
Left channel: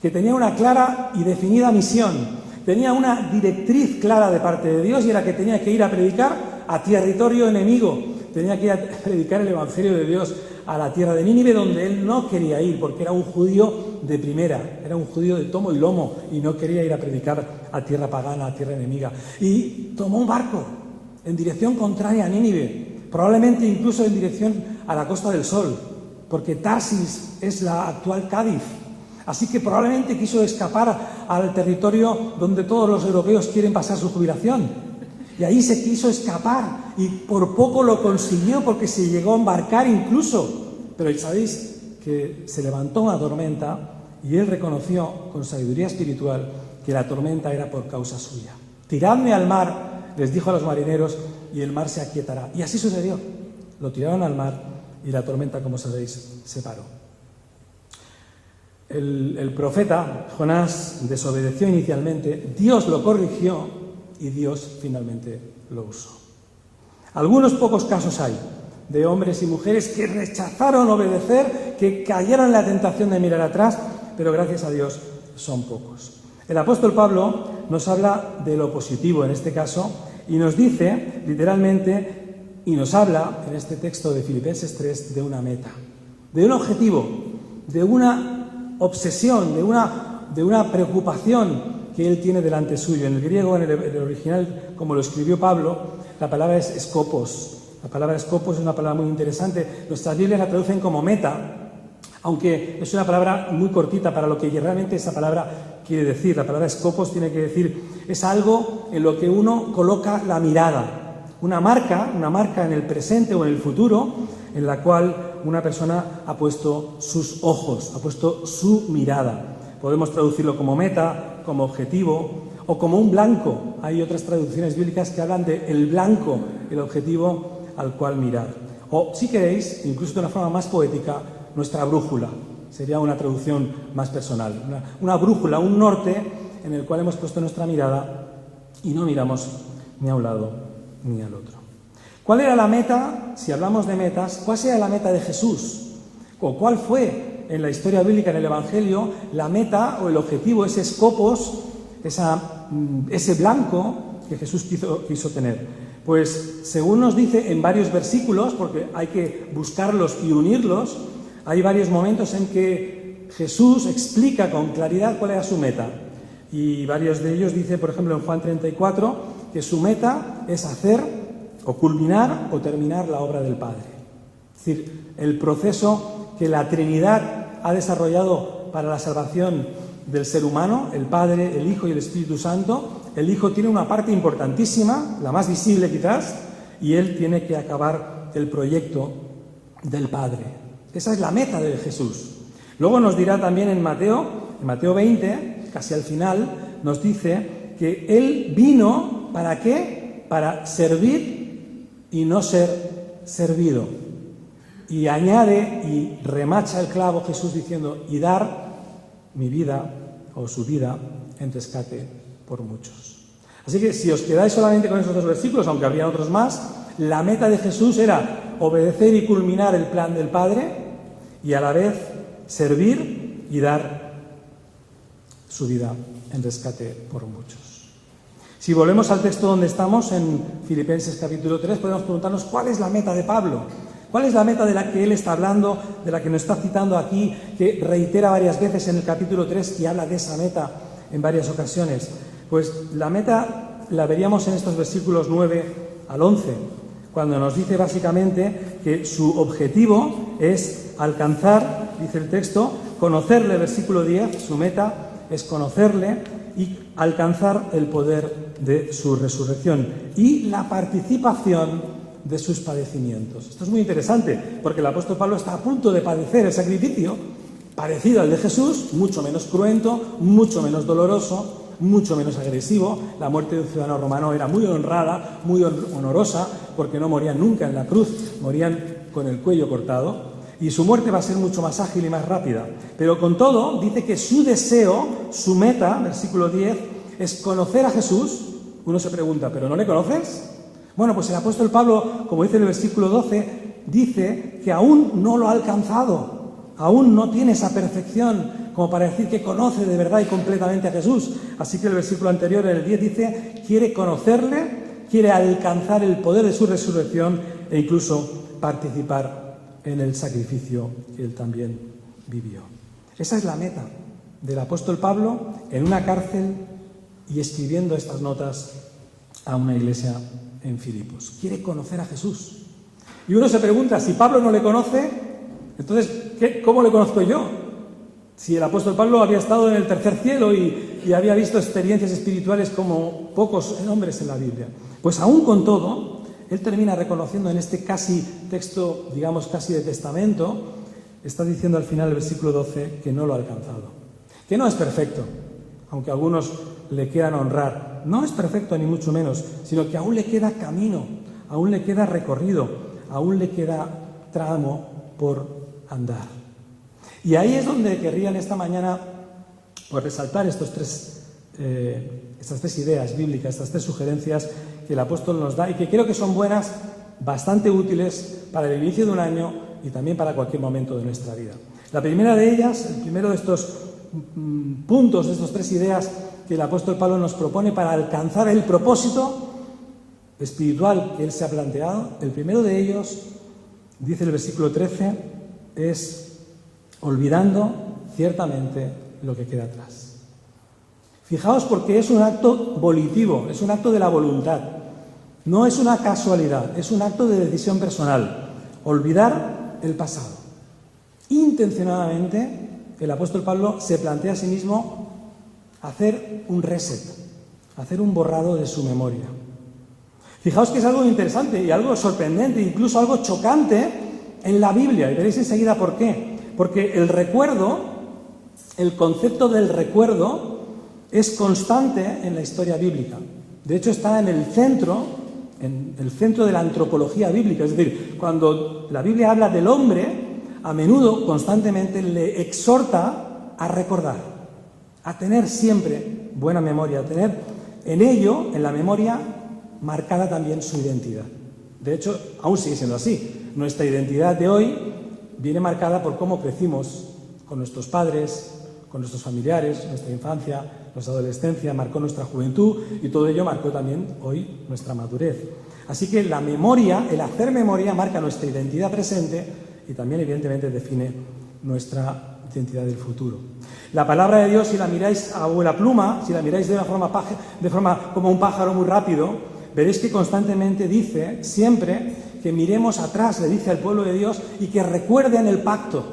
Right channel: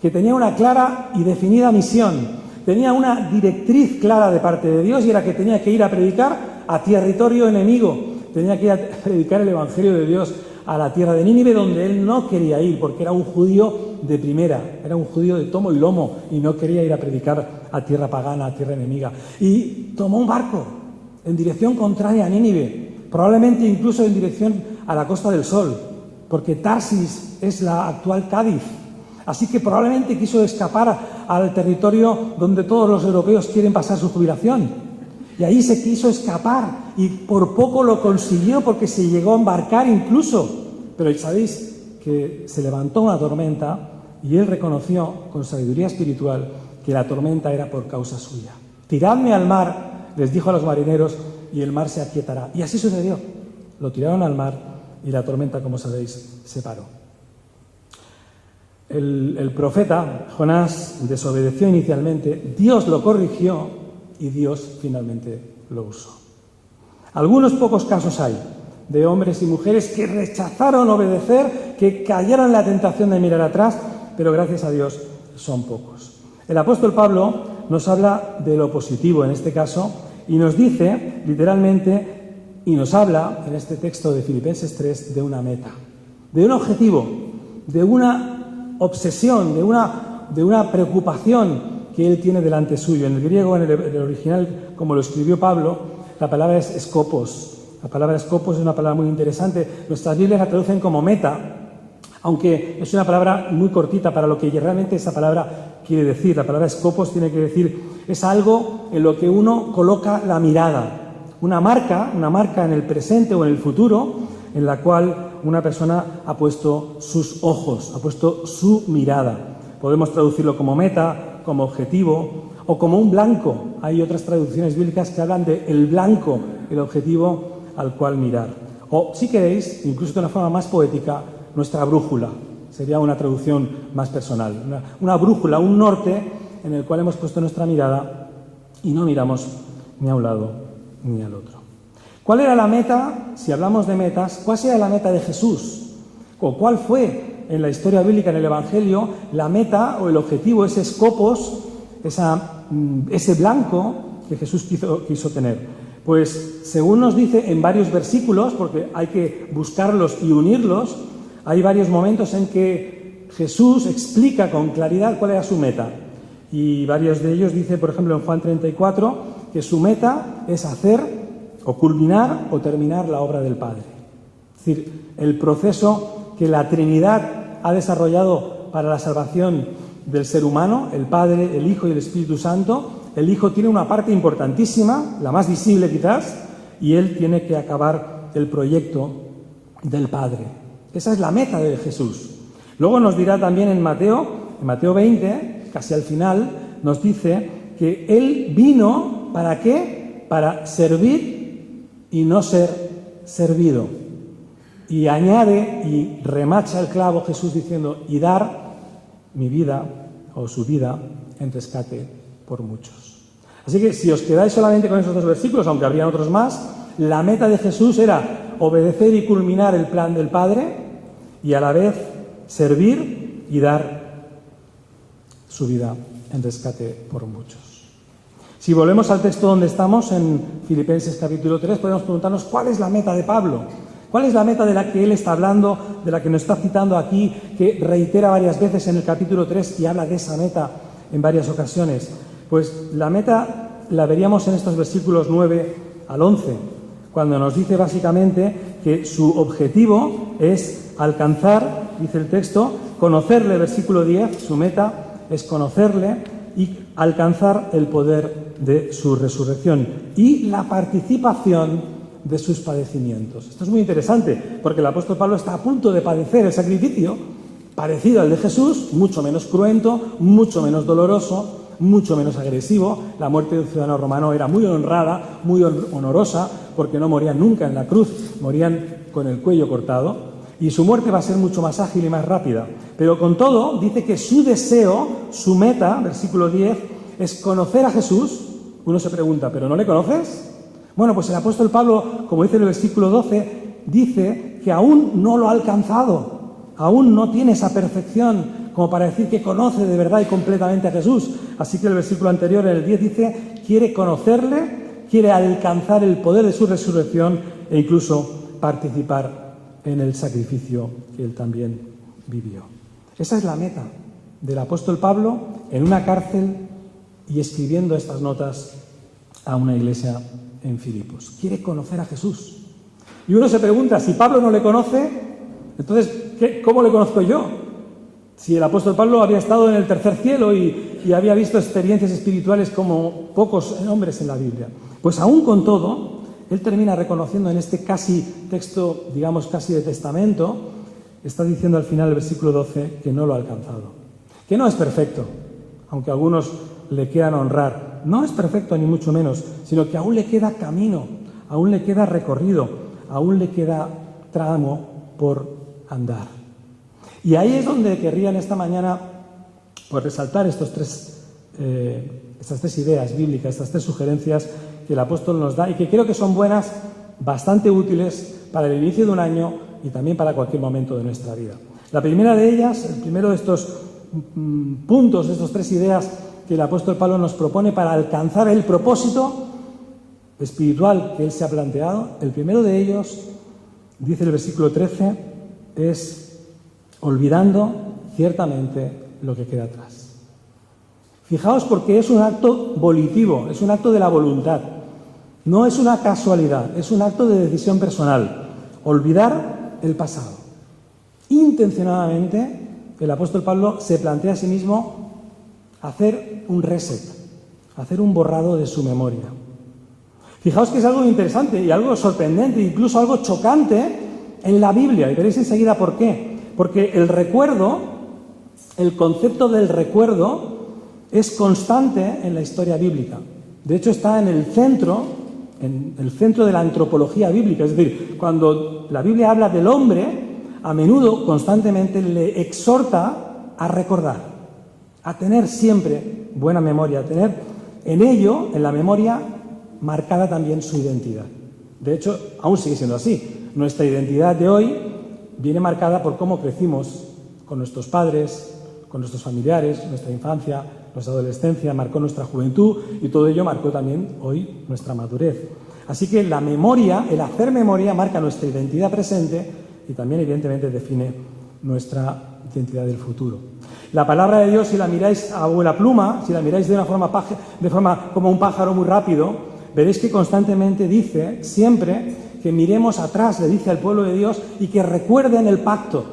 que tenía una clara y definida misión, tenía una directriz clara de parte de Dios y era que tenía que ir a predicar a territorio enemigo, tenía que ir a predicar el Evangelio de Dios a la tierra de Nínive, donde él no quería ir, porque era un judío de primera, era un judío de tomo y lomo, y no quería ir a predicar a tierra pagana, a tierra enemiga. Y tomó un barco en dirección contraria a Nínive, probablemente incluso en dirección a la Costa del Sol, porque Tarsis es la actual Cádiz. Así que probablemente quiso escapar al territorio donde todos los europeos quieren pasar su jubilación. Y ahí se quiso escapar y por poco lo consiguió porque se llegó a embarcar incluso. Pero sabéis que se levantó una tormenta y él reconoció con sabiduría espiritual que la tormenta era por causa suya. Tiradme al mar, les dijo a los marineros, y el mar se aquietará. Y así sucedió. Lo tiraron al mar y la tormenta, como sabéis, se paró. El profeta Jonás desobedeció inicialmente, Dios lo corrigió y Dios finalmente lo usó. Algunos pocos casos hay de hombres y mujeres que rechazaron obedecer, que cayeron en la tentación de mirar atrás, pero gracias a Dios son pocos. El apóstol Pablo nos habla de lo positivo en este caso y nos dice literalmente, y nos habla en este texto de Filipenses 3 de una meta, de un objetivo, de una obsesión, de una preocupación que él tiene delante suyo. En el griego, en el original, como lo escribió Pablo, la palabra es skopos. La palabra skopos es una palabra muy interesante. Nuestras Biblias la traducen como meta, aunque es una palabra muy cortita para lo que realmente esa palabra quiere decir. La palabra skopos tiene que decir, es algo en lo que uno coloca la mirada. Una marca en el presente o en el futuro, en la cual una persona ha puesto sus ojos, ha puesto su mirada. Podemos traducirlo como meta, como objetivo o como un blanco. Hay otras traducciones bíblicas que hablan de el blanco, el objetivo al cual mirar. O, si queréis, incluso de una forma más poética, nuestra brújula. Sería una traducción más personal. Una brújula, un norte en el cual hemos puesto nuestra mirada y no miramos ni a un lado ni al otro. ¿Cuál era la meta? Si hablamos de metas, ¿cuál sería la meta de Jesús? ¿O cuál fue en la historia bíblica, en el Evangelio, la meta o el objetivo, ese skopos, ese blanco que Jesús quiso tener? Pues según nos dice en varios versículos, porque hay que buscarlos y unirlos, hay varios momentos en que Jesús explica con claridad cuál era su meta. Y varios de ellos dice, por ejemplo, en Juan 34, que su meta es hacer o culminar o terminar la obra del Padre. Es decir, el proceso que la Trinidad ha desarrollado para la salvación del ser humano, el Padre, el Hijo y el Espíritu Santo. El Hijo tiene una parte importantísima, la más visible quizás, y Él tiene que acabar el proyecto del Padre. Esa es la meta de Jesús. Luego nos dirá también en Mateo 20, casi al final, nos dice que Él vino, ¿para qué? Para servir y no ser servido. Y añade y remacha el clavo Jesús diciendo, y dar mi vida o su vida en rescate por muchos. Así que si os quedáis solamente con esos dos versículos, aunque habría otros más, la meta de Jesús era obedecer y culminar el plan del Padre y a la vez servir y dar su vida en rescate por muchos. Si volvemos al texto donde estamos, en Filipenses capítulo 3, podemos preguntarnos cuál es la meta de Pablo. ¿Cuál es la meta de la que él está hablando, de la que nos está citando aquí, que reitera varias veces en el capítulo 3 y habla de esa meta en varias ocasiones? Pues la meta la veríamos en estos versículos 9 al 11, cuando nos dice básicamente que su objetivo es alcanzar, dice el texto, conocerle, versículo 10, su meta es conocerle y alcanzar el poder de su resurrección y la participación de sus padecimientos. Esto es muy interesante, porque el apóstol Pablo está a punto de padecer el sacrificio parecido al de Jesús, mucho menos cruento, mucho menos doloroso, mucho menos agresivo. La muerte de un ciudadano romano era muy honrada, muy honorosa, porque no morían nunca en la cruz, morían con el cuello cortado, y su muerte va a ser mucho más ágil y más rápida. Pero con todo, dice que su deseo, su meta, versículo 10, es conocer a Jesús. Uno se pregunta, ¿pero no le conoces? Bueno, pues el apóstol Pablo, como dice en el versículo 12, dice que aún no lo ha alcanzado, aún no tiene esa perfección como para decir que conoce de verdad y completamente a Jesús. Así que el versículo anterior, el 10, dice, quiere conocerle, quiere alcanzar el poder de su resurrección e incluso participar en el sacrificio que él también vivió. Esa es la meta del apóstol Pablo en una cárcel y escribiendo estas notas a una iglesia en Filipos. Quiere conocer a Jesús. Y uno se pregunta, si Pablo no le conoce, entonces, ¿cómo le conozco yo? Si el apóstol Pablo había estado en el tercer cielo y había visto experiencias espirituales como pocos hombres en la Biblia. Pues aún con todo, él termina reconociendo en este casi texto, digamos casi de testamento, está diciendo al final del versículo 12 que no lo ha alcanzado. Que no es perfecto, aunque algunos le quieran honrar. No es perfecto ni mucho menos, sino que aún le queda camino, aún le queda recorrido, aún le queda tramo por andar. Y ahí es donde querría en esta mañana pues, resaltar estas tres ideas bíblicas, estas tres sugerencias que el apóstol nos da y que creo que son buenas, bastante útiles para el inicio de un año y también para cualquier momento de nuestra vida. La primera de ellas, el primero de estos puntos, de estas tres ideas que el apóstol Pablo nos propone para alcanzar el propósito espiritual que él se ha planteado, el primero de ellos, dice el versículo 13, es olvidando ciertamente lo que queda atrás. Fijaos porque es un acto volitivo, es un acto de la voluntad, no es una casualidad, es un acto de decisión personal. Olvidar el pasado. Intencionadamente, el apóstol Pablo se plantea a sí mismo hacer un reset, hacer un borrado de su memoria. Fijaos que es algo interesante y algo sorprendente, incluso algo chocante en la Biblia, y veréis enseguida por qué. Porque el recuerdo, el concepto del recuerdo, es constante en la historia bíblica. De hecho, está en el centro de la antropología bíblica. Es decir, cuando la Biblia habla del hombre, a menudo, constantemente, le exhorta a recordar, a tener siempre buena memoria, a tener en ello, en la memoria, marcada también su identidad. De hecho, aún sigue siendo así. Nuestra identidad de hoy viene marcada por cómo crecimos con nuestros padres, con nuestros familiares, nuestra infancia, nuestra adolescencia, marcó nuestra juventud y todo ello marcó también hoy nuestra madurez. Así que la memoria, el hacer memoria, marca nuestra identidad presente y también evidentemente define nuestra identidad del futuro. La palabra de Dios, si la miráis a vuela pluma, si la miráis de forma como un pájaro muy rápido, veréis que constantemente dice siempre que miremos atrás, le dice al pueblo de Dios, y que recuerden el pacto.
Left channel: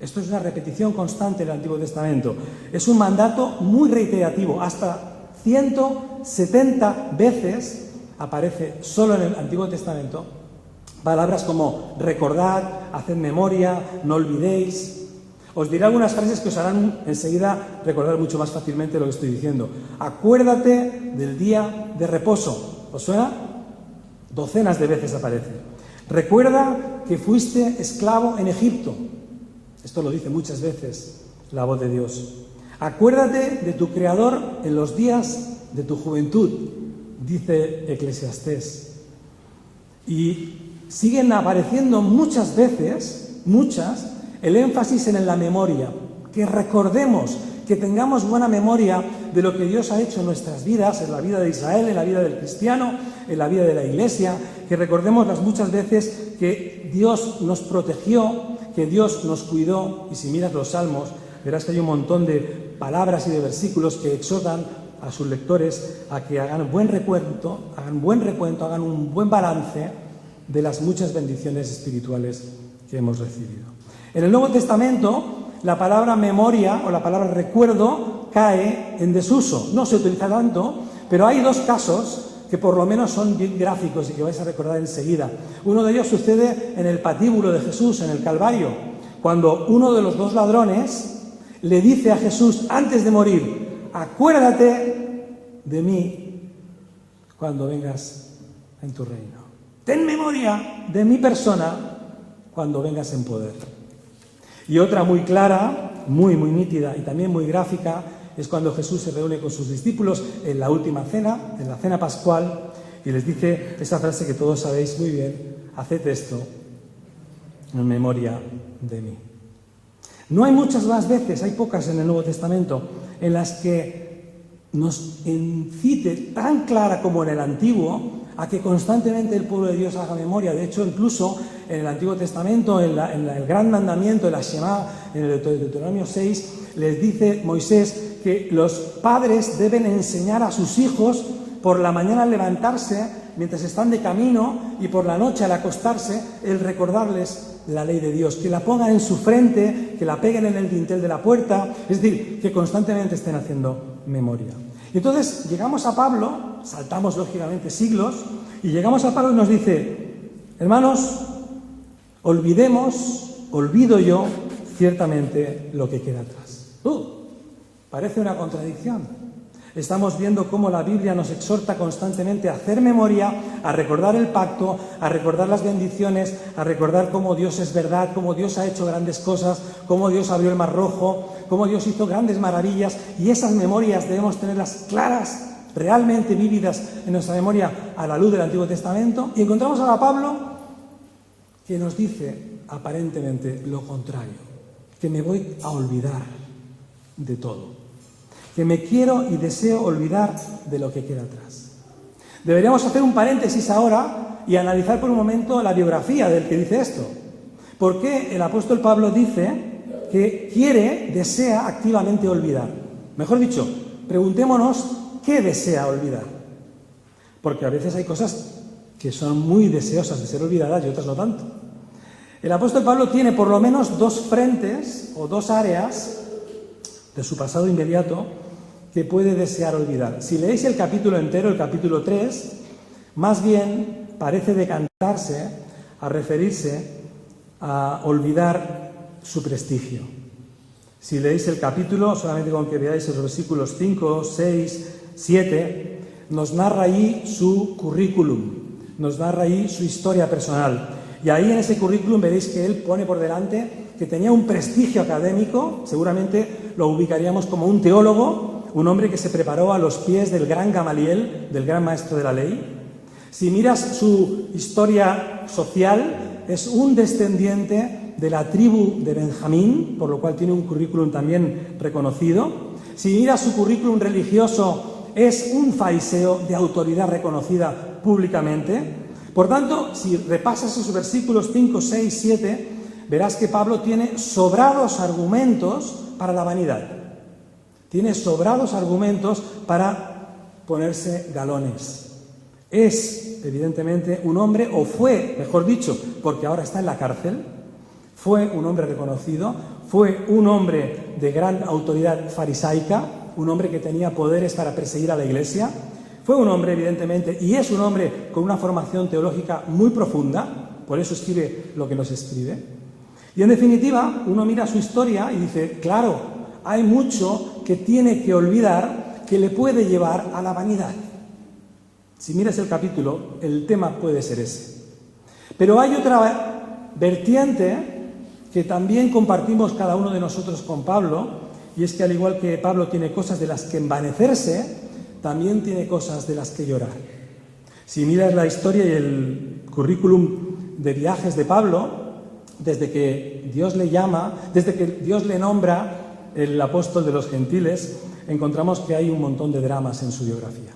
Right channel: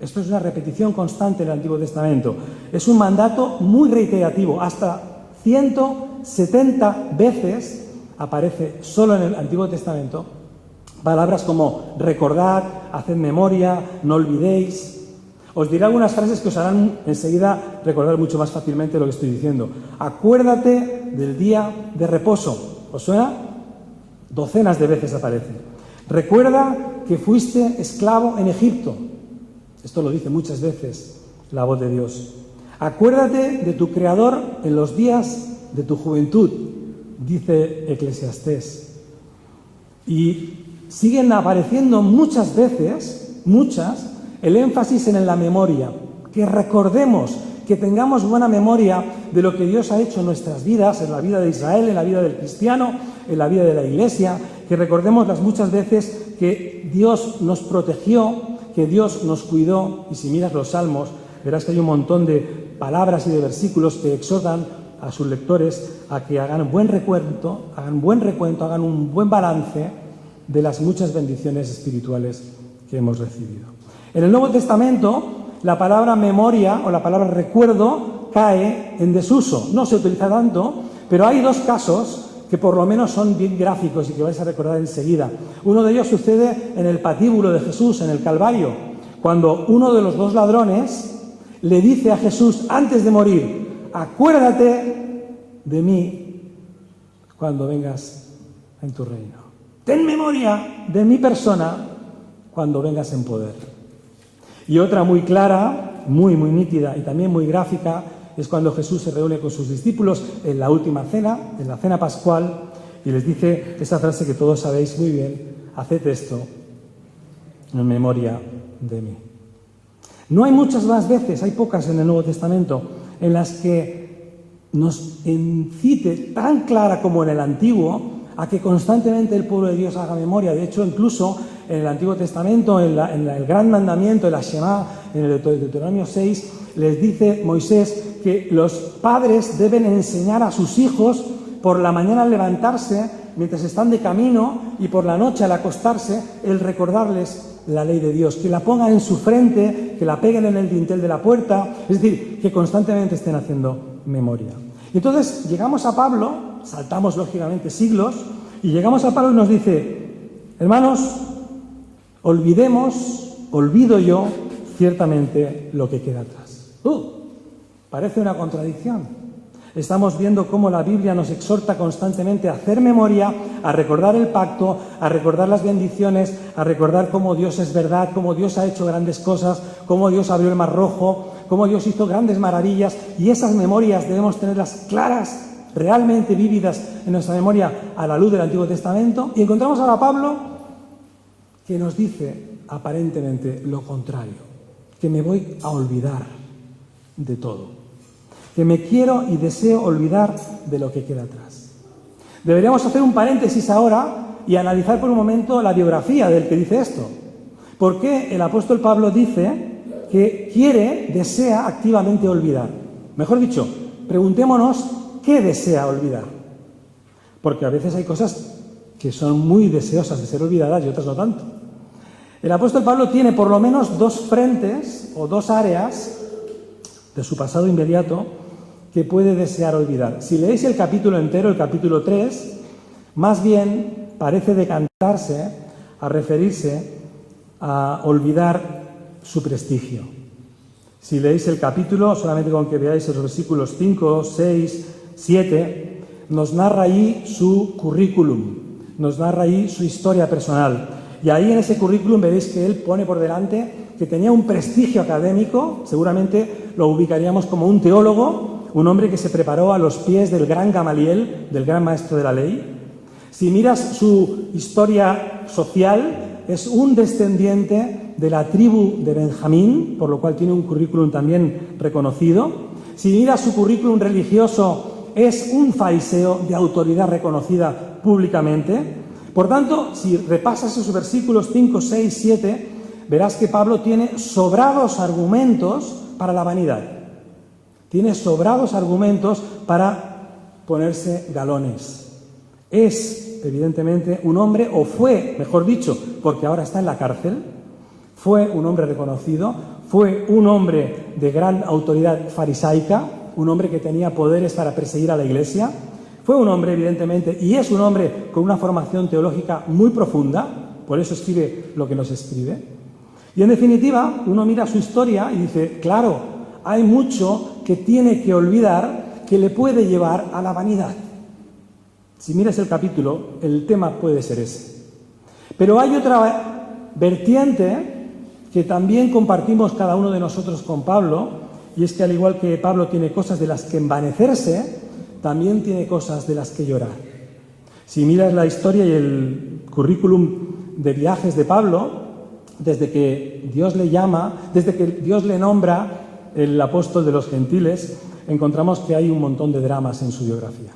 Esto es una repetición constante en el Antiguo Testamento. Es un mandato muy reiterativo. Hasta 170 veces aparece solo en el Antiguo Testamento palabras como recordad, haced memoria, no olvidéis. Os diré algunas frases que os harán enseguida recordar mucho más fácilmente lo que estoy diciendo. Acuérdate del día de reposo. ¿Os suena? Docenas de veces aparece. Recuerda que fuiste esclavo en Egipto. Esto lo dice muchas veces la voz de Dios. Acuérdate de tu Creador en los días de tu juventud, dice Eclesiastés. Y siguen apareciendo muchas veces, el énfasis en la memoria. Que recordemos, que tengamos buena memoria de lo que Dios ha hecho en nuestras vidas, en la vida de Israel, en la vida del cristiano, en la vida de la Iglesia. Que recordemos las muchas veces que Dios nos protegió, que Dios nos cuidó. Y si miras los Salmos, verás que hay un montón de palabras y de versículos que exhortan a sus lectores a que hagan buen recuento, hagan un buen balance de las muchas bendiciones espirituales que hemos recibido. En el Nuevo Testamento, la palabra memoria o la palabra recuerdo cae en desuso. No se utiliza tanto, pero hay dos casos que por lo menos son bien gráficos y que vais a recordar enseguida. Uno de ellos sucede en el patíbulo de Jesús, en el Calvario, cuando uno de los dos ladrones le dice a Jesús antes de morir: acuérdate de mí cuando vengas en tu reino. Ten memoria de mi persona cuando vengas en poder. Y otra muy clara, muy nítida y también muy gráfica, es cuando Jesús se reúne con sus discípulos en la última cena, en la cena pascual, y les dice esa frase que todos sabéis muy bien: haced esto en memoria de mí. No hay muchas más veces, hay pocas en el Nuevo Testamento, en las que nos incite tan clara como en el Antiguo a que constantemente el pueblo de Dios haga memoria. De hecho, incluso en el Antiguo Testamento, en el Gran Mandamiento, en la Shema, en el Deuteronomio 6, les dice Moisés que los padres deben enseñar a sus hijos por la mañana al levantarse, mientras están de camino, y por la noche al acostarse, el recordarles la ley de Dios, que la pongan en su frente, que la peguen en el dintel de la puerta, es decir, que constantemente estén haciendo memoria. Y entonces llegamos a Pablo, saltamos lógicamente siglos, y llegamos a Pablo y nos dice: hermanos, olvido yo ciertamente lo que queda atrás. Parece una contradicción. Estamos viendo cómo la Biblia nos exhorta constantemente a hacer memoria, a recordar el pacto, a recordar las bendiciones, a recordar cómo Dios es verdad, cómo Dios ha hecho grandes cosas, cómo Dios abrió el Mar Rojo, cómo Dios hizo grandes maravillas, y esas memorias debemos tenerlas claras, realmente vívidas en nuestra memoria a la luz del Antiguo Testamento. Y encontramos ahora a Pablo que nos dice aparentemente lo contrario, que me voy a olvidar de todo, que me quiero y deseo olvidar de lo que queda atrás. Deberíamos hacer un paréntesis ahora y analizar por un momento la biografía del que dice esto. ¿Por qué el apóstol Pablo dice que desea activamente olvidar? Mejor dicho, preguntémonos qué desea olvidar. Porque a veces hay cosas que son muy deseosas de ser olvidadas y otras no tanto. El apóstol Pablo tiene por lo menos dos frentes o dos áreas de su pasado inmediato que puede desear olvidar. Si leéis el capítulo entero, el capítulo 3, más bien parece decantarse a referirse a olvidar su prestigio. Si leéis el capítulo, solamente con que veáis los versículos 5, 6, 7, nos narra ahí su currículum, nos narra ahí su historia personal. Y ahí en ese currículum veréis que él pone por delante que tenía un prestigio académico, seguramente lo ubicaríamos como un teólogo, un hombre que se preparó a los pies del gran Gamaliel, del gran maestro de la ley. Si miras su historia social, es un descendiente de la tribu de Benjamín, por lo cual tiene un currículum también reconocido. Si miras su currículum religioso, es un fariseo de autoridad reconocida públicamente. Por tanto, si repasas esos versículos 5, 6, 7, verás que Pablo tiene sobrados argumentos para la vanidad. Tiene sobrados argumentos para ponerse galones. Es, evidentemente, un hombre, o fue, mejor dicho, porque ahora está en la cárcel, fue un hombre reconocido, fue un hombre de gran autoridad farisaica, un hombre que tenía poderes para perseguir a la Iglesia. Fue un hombre, evidentemente, y es un hombre con una formación teológica muy profunda, por eso escribe lo que nos escribe. Y en definitiva, uno mira su historia y dice, claro, hay mucho que tiene que olvidar que le puede llevar a la vanidad. Si miras el capítulo, el tema puede ser ese. Pero hay otra vertiente que también compartimos cada uno de nosotros con Pablo, y es que al igual que Pablo tiene cosas de las que envanecerse, también tiene cosas de las que llorar. Si miras la historia y el currículum de viajes de Pablo, desde que Dios le llama, desde que Dios le nombra el apóstol de los gentiles, encontramos que hay un montón de dramas en su biografía.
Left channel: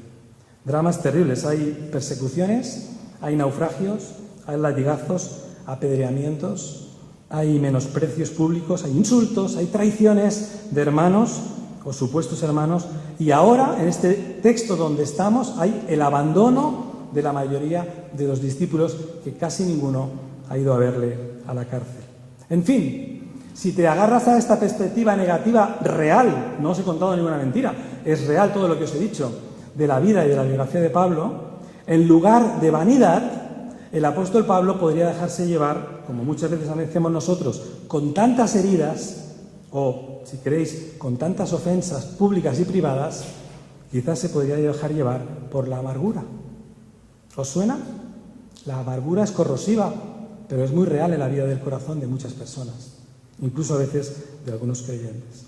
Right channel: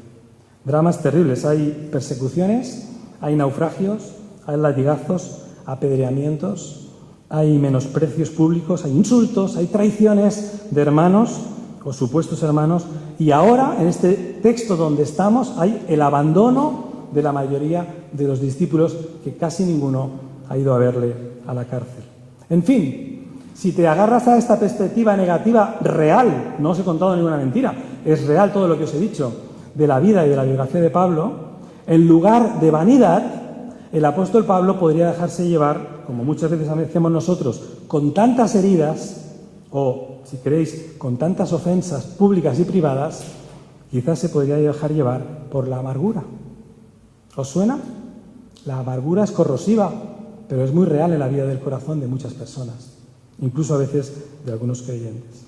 Dramas terribles. Hay persecuciones, hay naufragios, hay latigazos, apedreamientos, hay menosprecios públicos, hay insultos, hay traiciones de hermanos o supuestos hermanos, y ahora en este texto donde estamos hay el abandono de la mayoría de los discípulos, que casi ninguno ha ido a verle a la cárcel. En fin, si te agarras a esta perspectiva negativa real, no os he contado ninguna mentira, es real todo lo que os he dicho de la vida y de la biografía de Pablo, en lugar de vanidad, el apóstol Pablo podría dejarse llevar, como muchas veces hacemos nosotros, con tantas heridas, o, si queréis, con tantas ofensas públicas y privadas, quizás se podría dejar llevar por la amargura. ¿Os suena? La amargura es corrosiva, pero es muy real en la vida del corazón de muchas personas, incluso a veces de algunos creyentes.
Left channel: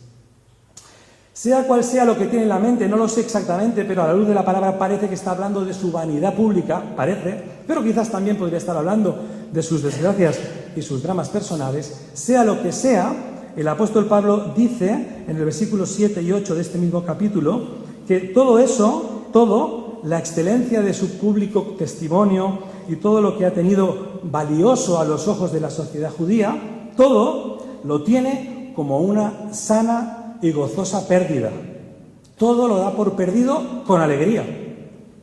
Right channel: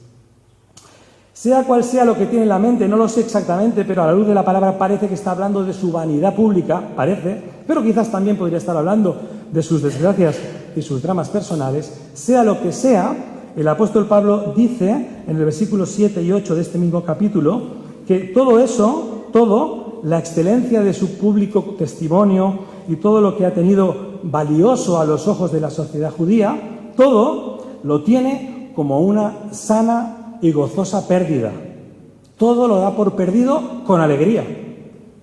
Sea cual sea lo que tiene en la mente, no lo sé exactamente, pero a la luz de la palabra parece que está hablando de su vanidad pública, parece, pero quizás también podría estar hablando de sus desgracias y sus dramas personales. Sea lo que sea, el apóstol Pablo dice en el versículo 7 y 8 de este mismo capítulo que todo eso, la excelencia de su público testimonio y todo lo que ha tenido valioso a los ojos de la sociedad judía, todo lo tiene como una sana y gozosa pérdida. Todo lo da por perdido con alegría,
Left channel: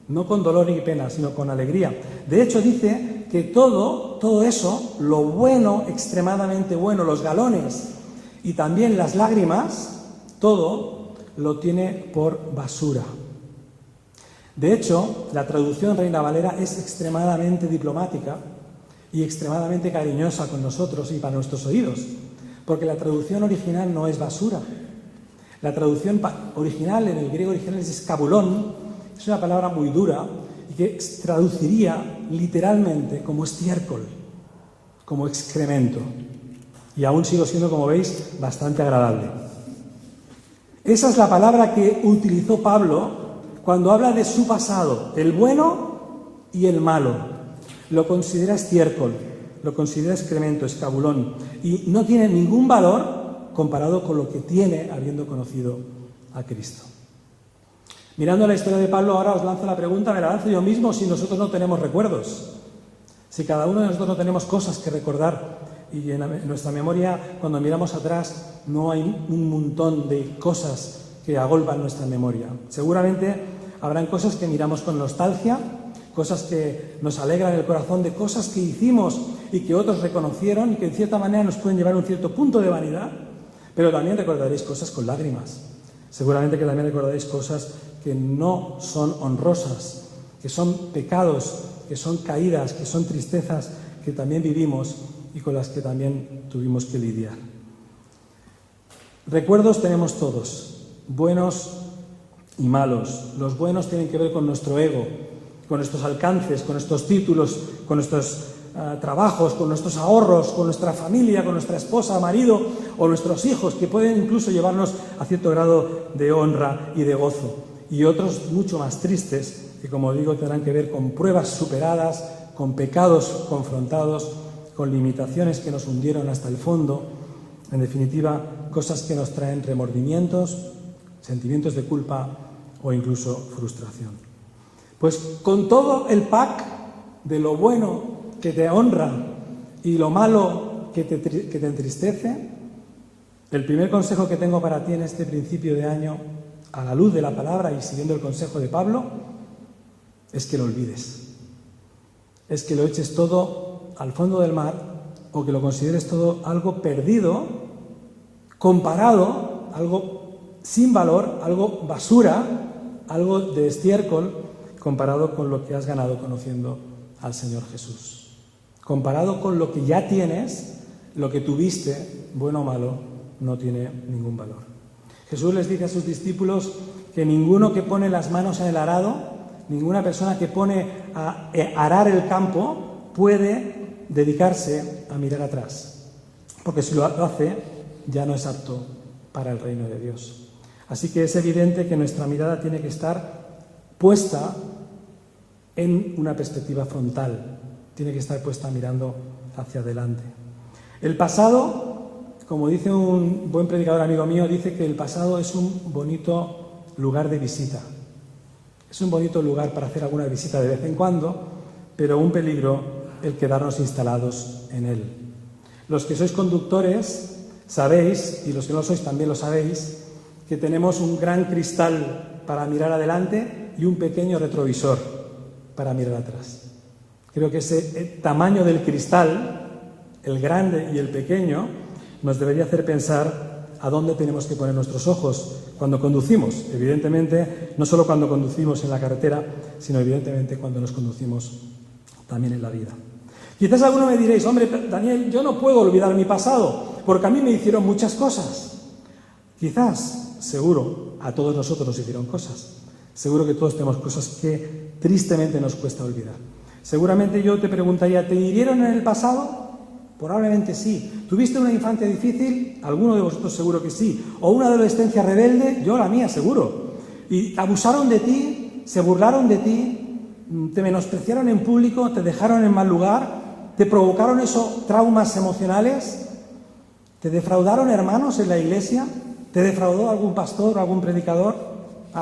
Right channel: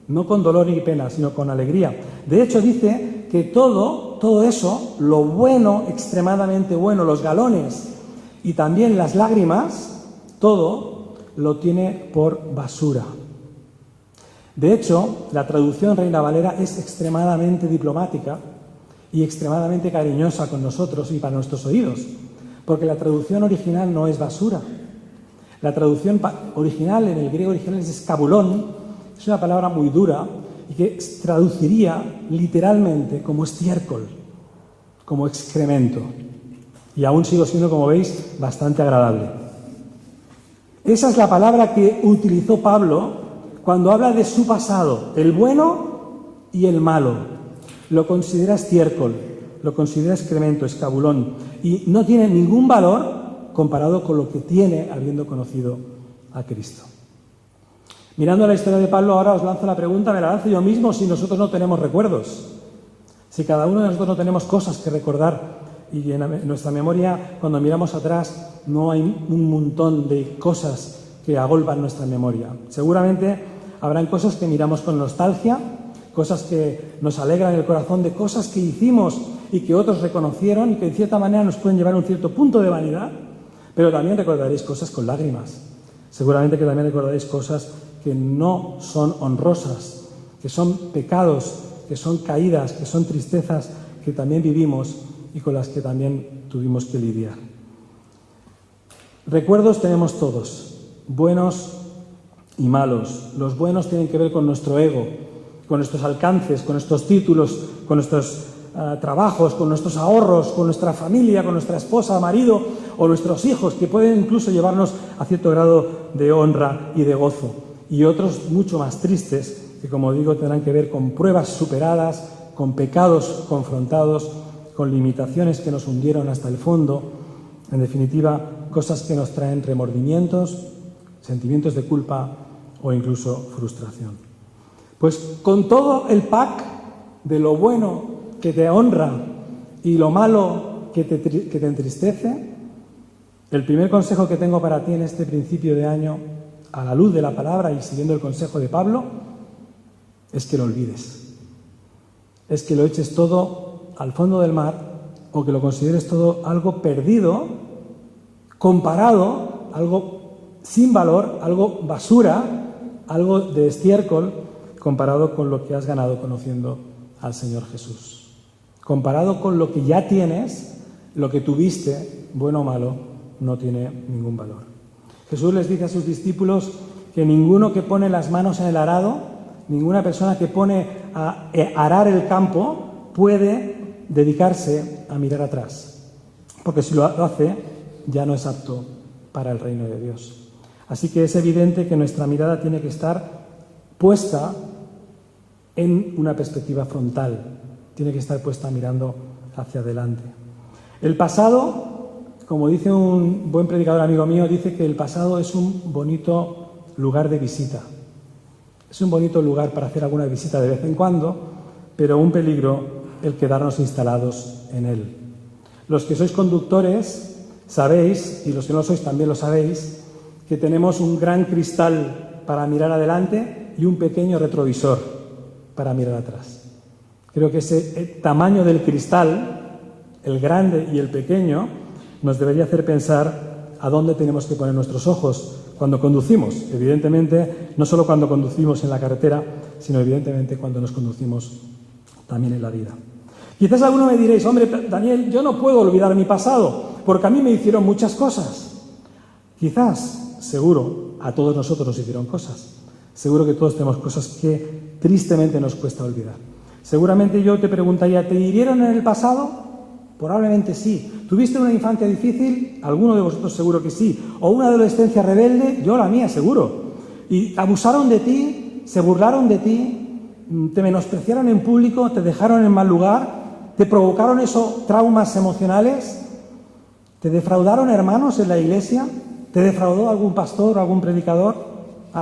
no con dolor ni pena, sino con alegría. De hecho, dice que todo eso, lo bueno, extremadamente bueno, los galones y también las lágrimas, todo lo tiene por basura. De hecho, la traducción Reina Valera es extremadamente diplomática y extremadamente cariñosa con nosotros y para nuestros oídos, porque la traducción original no es basura. La traducción original, en el griego original, es escabulón, es una palabra muy dura y que traduciría literalmente como estiércol, como excremento. Y aún sigo siendo, como veis, bastante agradable. Esa es la palabra que utilizó Pablo cuando habla de su pasado, el bueno y el malo. Lo considera estiércol, lo considera excremento, escabulón, y no tiene ningún valor comparado con lo que tiene habiendo conocido a Cristo. Mirando la historia de Pablo, ahora os lanzo la pregunta, me la lanzo yo mismo, si nosotros no tenemos recuerdos, si cada uno de nosotros no tenemos cosas que recordar, y en nuestra memoria, cuando miramos atrás, no hay un montón de cosas que agolpan nuestra memoria. Seguramente habrán cosas que miramos con nostalgia, cosas que nos alegran el corazón, de cosas que hicimos y que otros reconocieron y que en cierta manera nos pueden llevar a un cierto punto de vanidad. Pero también recordaréis cosas con lágrimas. Seguramente que también recordaréis cosas que no son honrosas, que son pecados, que son caídas, que son tristezas que también vivimos y con las que también tuvimos que lidiar. Recuerdos tenemos todos, buenos y malos. Los buenos tienen que ver con nuestro ego, con nuestros alcances, con nuestros títulos, con nuestros trabajos, con nuestros ahorros, con nuestra familia, con nuestra esposa, marido o nuestros hijos, que pueden incluso llevarnos a cierto grado de honra y de gozo. Y otros mucho más tristes, que como digo tendrán que ver con pruebas superadas, con pecados confrontados, con limitaciones que nos hundieron hasta el fondo, en definitiva, cosas que nos traen remordimientos, sentimientos de culpa o incluso frustración. Pues con todo el pack de lo bueno que te honra y lo malo que te entristece, el primer consejo que tengo para ti en este principio de año, a la luz de la palabra y siguiendo el consejo de Pablo, es que lo olvides. Es que lo eches todo al fondo del mar o que lo consideres todo algo perdido, comparado, algo sin valor, algo basura, algo de estiércol, comparado con lo que has ganado conociendo al Señor Jesús. Comparado con lo que ya tienes, lo que tuviste, bueno o malo, no tiene ningún valor. Jesús les dice a sus discípulos que ninguno que pone las manos en el arado, ninguna persona que pone a arar el campo puede dedicarse a mirar atrás, porque si lo hace ya no es apto para el reino de Dios. Así que es evidente que nuestra mirada tiene que estar puesta en una perspectiva frontal, tiene que estar puesta mirando hacia adelante. El pasado, como dice un buen predicador amigo mío, dice que el pasado es un bonito lugar de visita. Es un bonito lugar para hacer alguna visita de vez en cuando, pero un peligro el quedarnos instalados en él. Los que sois conductores sabéis, y los que no sois también lo sabéis, que tenemos un gran cristal para mirar adelante y un pequeño retrovisor para mirar atrás. Creo que ese tamaño del cristal, el grande y el pequeño, nos debería hacer pensar a dónde tenemos que poner nuestros ojos cuando conducimos. Evidentemente, no solo cuando conducimos en la carretera, sino evidentemente cuando nos conducimos también en la vida. Quizás alguno me diréis, hombre, Daniel, yo no puedo olvidar mi pasado, porque a mí me hicieron muchas cosas. Quizás, seguro, a todos nosotros nos hicieron cosas. Seguro que todos tenemos cosas que tristemente nos cuesta olvidar. Seguramente yo te preguntaría, ¿te hirieron en el pasado? Probablemente sí. ¿Tuviste una infancia difícil? Alguno de vosotros seguro que sí. ¿O una adolescencia rebelde? Yo la mía, seguro. ¿Y abusaron de ti? ¿Se burlaron de ti? ¿Te menospreciaron en público? ¿Te dejaron en mal lugar? ¿Te provocaron esos traumas emocionales? ¿Te defraudaron hermanos en la iglesia? ¿Te defraudó algún pastor o algún predicador?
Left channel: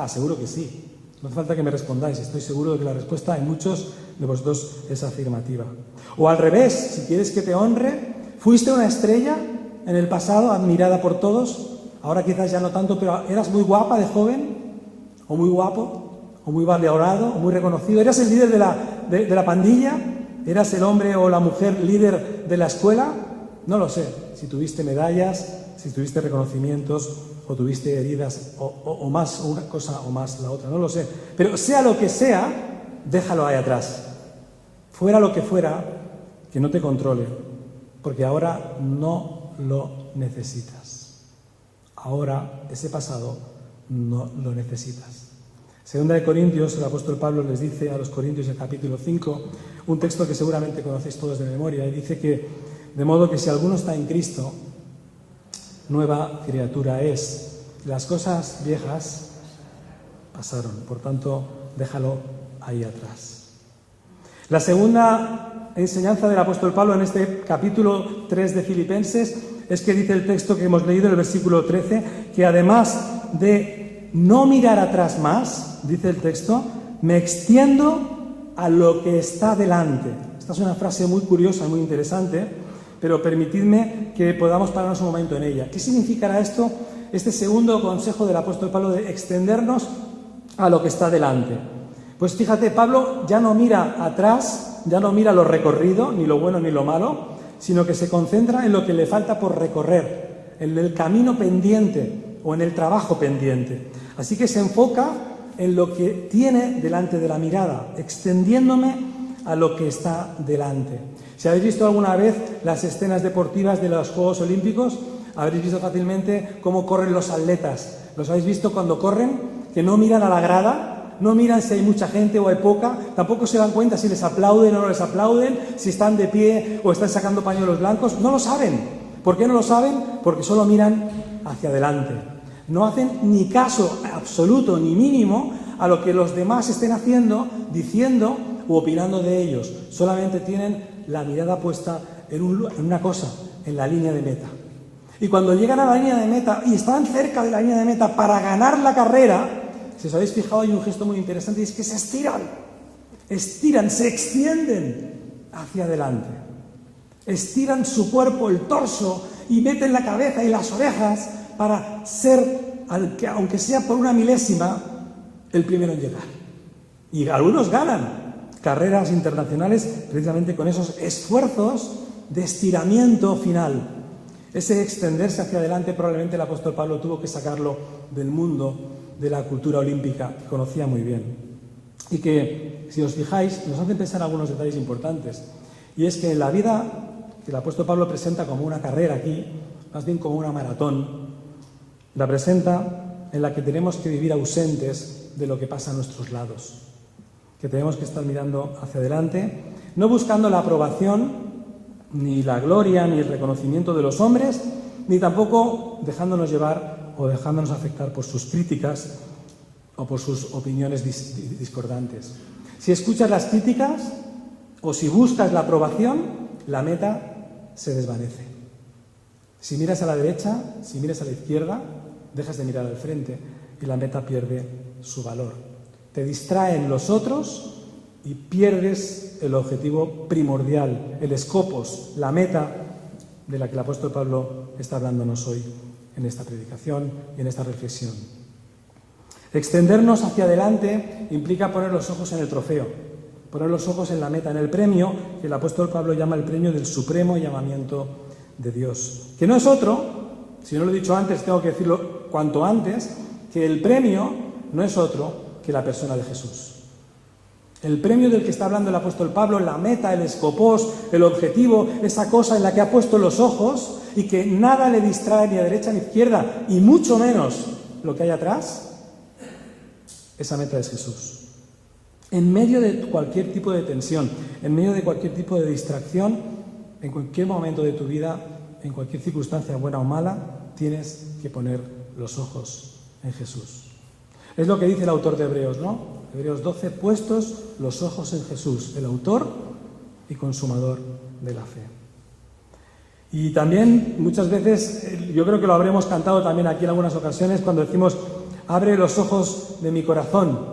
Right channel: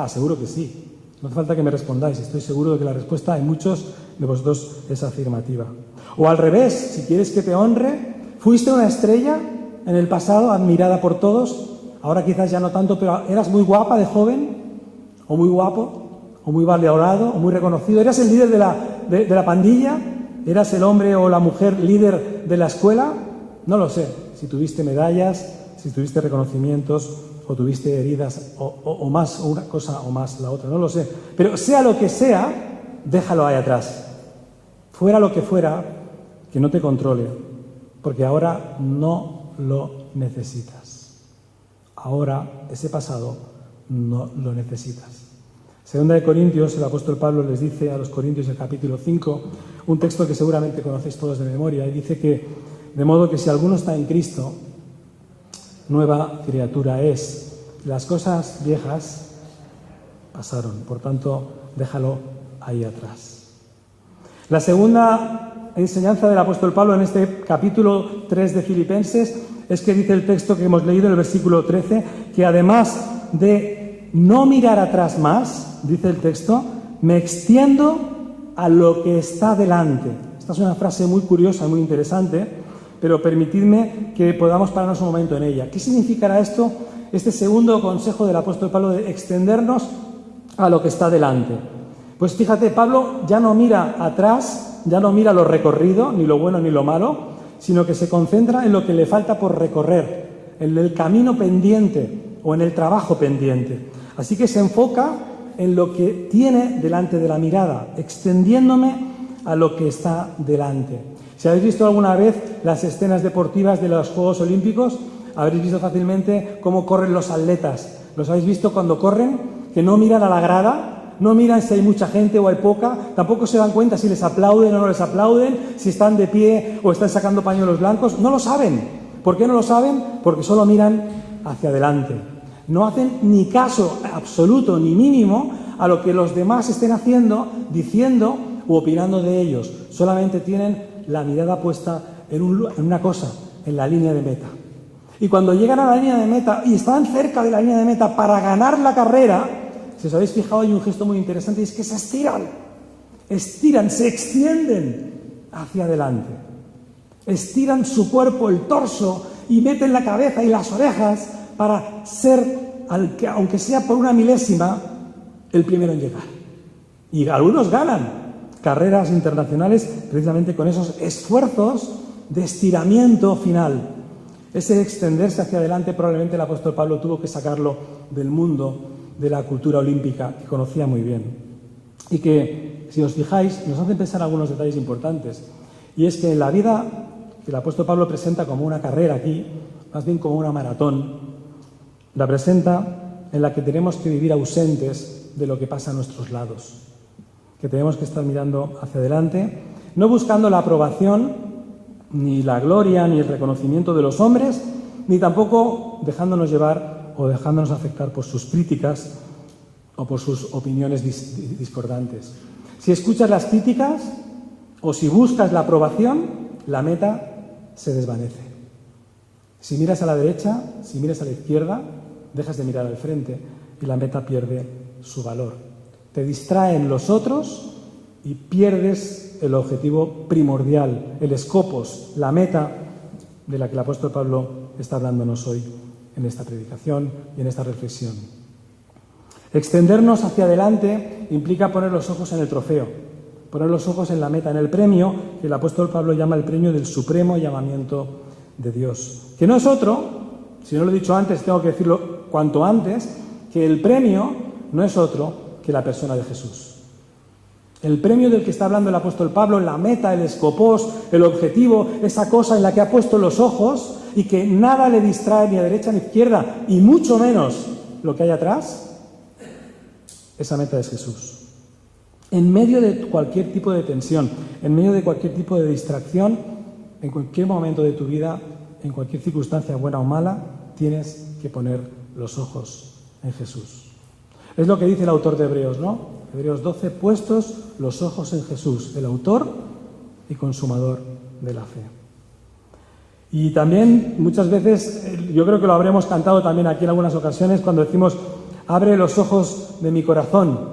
Seguro que sí. No hace falta que me respondáis, estoy seguro de que la respuesta en muchos de vosotros es afirmativa. O al revés, si quieres que te honre, fuiste una estrella en el pasado, admirada por todos, ahora quizás ya no tanto, pero eras muy guapa de joven, o muy guapo, o muy valorado, o muy reconocido. ¿Eras el líder de la pandilla? ¿Eras el hombre o la mujer líder de la escuela? No lo sé. Si tuviste medallas, si tuviste reconocimientos, o tuviste heridas, o más una cosa o más la otra, no lo sé. Pero sea lo que sea, déjalo ahí atrás. Fuera lo que fuera, que no te controle, porque ahora no lo necesitas. Ahora ese pasado no lo necesitas. Segunda de Corintios, el apóstol Pablo les dice a los Corintios en capítulo 5, un texto que seguramente conocéis todos de memoria, y dice que, de modo que si alguno está en Cristo, nueva criatura es. Las cosas viejas pasaron, por tanto, déjalo ahí atrás. La segunda enseñanza del apóstol Pablo en este capítulo 3 de Filipenses es que dice el texto que hemos leído, el versículo 13, que además de no mirar atrás más, dice el texto, me extiendo a lo que está delante. Esta es una frase muy curiosa, muy interesante, pero permitidme que podamos pararnos un momento en ella. ¿Qué significará esto, este segundo consejo del apóstol Pablo de extendernos a lo que está delante? Pues fíjate, Pablo ya no mira atrás, ya no mira lo recorrido, ni lo bueno ni lo malo, sino que se concentra en lo que le falta por recorrer, en el camino pendiente o en el trabajo pendiente. Así que se enfoca en lo que tiene delante de la mirada, extendiéndome a lo que está delante. Si habéis visto alguna vez las escenas deportivas de los Juegos Olímpicos, habréis visto fácilmente cómo corren los atletas. ¿Los habéis visto cuando corren? Que no miran a la grada, no miran si hay mucha gente o hay poca, tampoco se dan cuenta si les aplauden o no les aplauden, si están de pie o están sacando pañuelos blancos. No lo saben. ¿Por qué no lo saben? Porque solo miran hacia adelante. No hacen ni caso absoluto ni mínimo a lo que los demás estén haciendo, diciendo u opinando de ellos. Solamente tienen la mirada puesta en una cosa, en la línea de meta. Y cuando llegan a la línea de meta y están cerca de la línea de meta para ganar la carrera, si os habéis fijado, hay un gesto muy interesante y es que se estiran, se extienden hacia adelante. Estiran su cuerpo, el torso, y meten la cabeza y las orejas para ser, aunque sea por una milésima, el primero en llegar. Y algunos ganan carreras internacionales precisamente con esos esfuerzos de estiramiento final. Ese extenderse hacia adelante probablemente el apóstol Pablo tuvo que sacarlo del mundo de la cultura olímpica, que conocía muy bien. Y que, si os fijáis, nos hacen pensar algunos detalles importantes. Y es que en la vida que el apóstol Pablo presenta como una carrera aquí, más bien como una maratón, la presenta en la que tenemos que vivir ausentes de lo que pasa a nuestros lados, que tenemos que estar mirando hacia adelante, no buscando la aprobación, ni la gloria, ni el reconocimiento de los hombres, ni tampoco dejándonos llevar o dejándonos afectar por sus críticas o por sus opiniones discordantes. Si escuchas las críticas o si buscas la aprobación, la meta se desvanece. Si miras a la derecha, si miras a la izquierda, dejas de mirar al frente y la meta pierde su valor. Te distraen los otros y pierdes el objetivo primordial, el scopos, la meta de la que el apóstol Pablo está hablándonos hoy en esta predicación y en esta reflexión. Extendernos hacia adelante implica poner los ojos en el trofeo, poner los ojos en la meta, en el premio que el apóstol Pablo llama el premio del supremo llamamiento de Dios, que no es otro, si no lo he dicho antes, tengo que decirlo cuanto antes, que el premio no es otro que la persona de Jesús. El premio del que está hablando el apóstol Pablo, la meta, el escopos, el objetivo, esa cosa en la que ha puesto los ojos y que nada le distrae ni a derecha ni a izquierda, y mucho menos lo que hay atrás, esa meta es Jesús. En medio de cualquier tipo de tensión, en medio de cualquier tipo de distracción, en cualquier momento de tu vida, en cualquier circunstancia buena o mala, tienes que poner los ojos en Jesús. Es lo que dice el autor de Hebreos, ¿no? Hebreos 12, puestos los ojos en Jesús, el autor y consumador de la fe. Y también muchas veces, yo creo que lo habremos cantado también aquí en algunas ocasiones, cuando decimos, abre los ojos de mi corazón,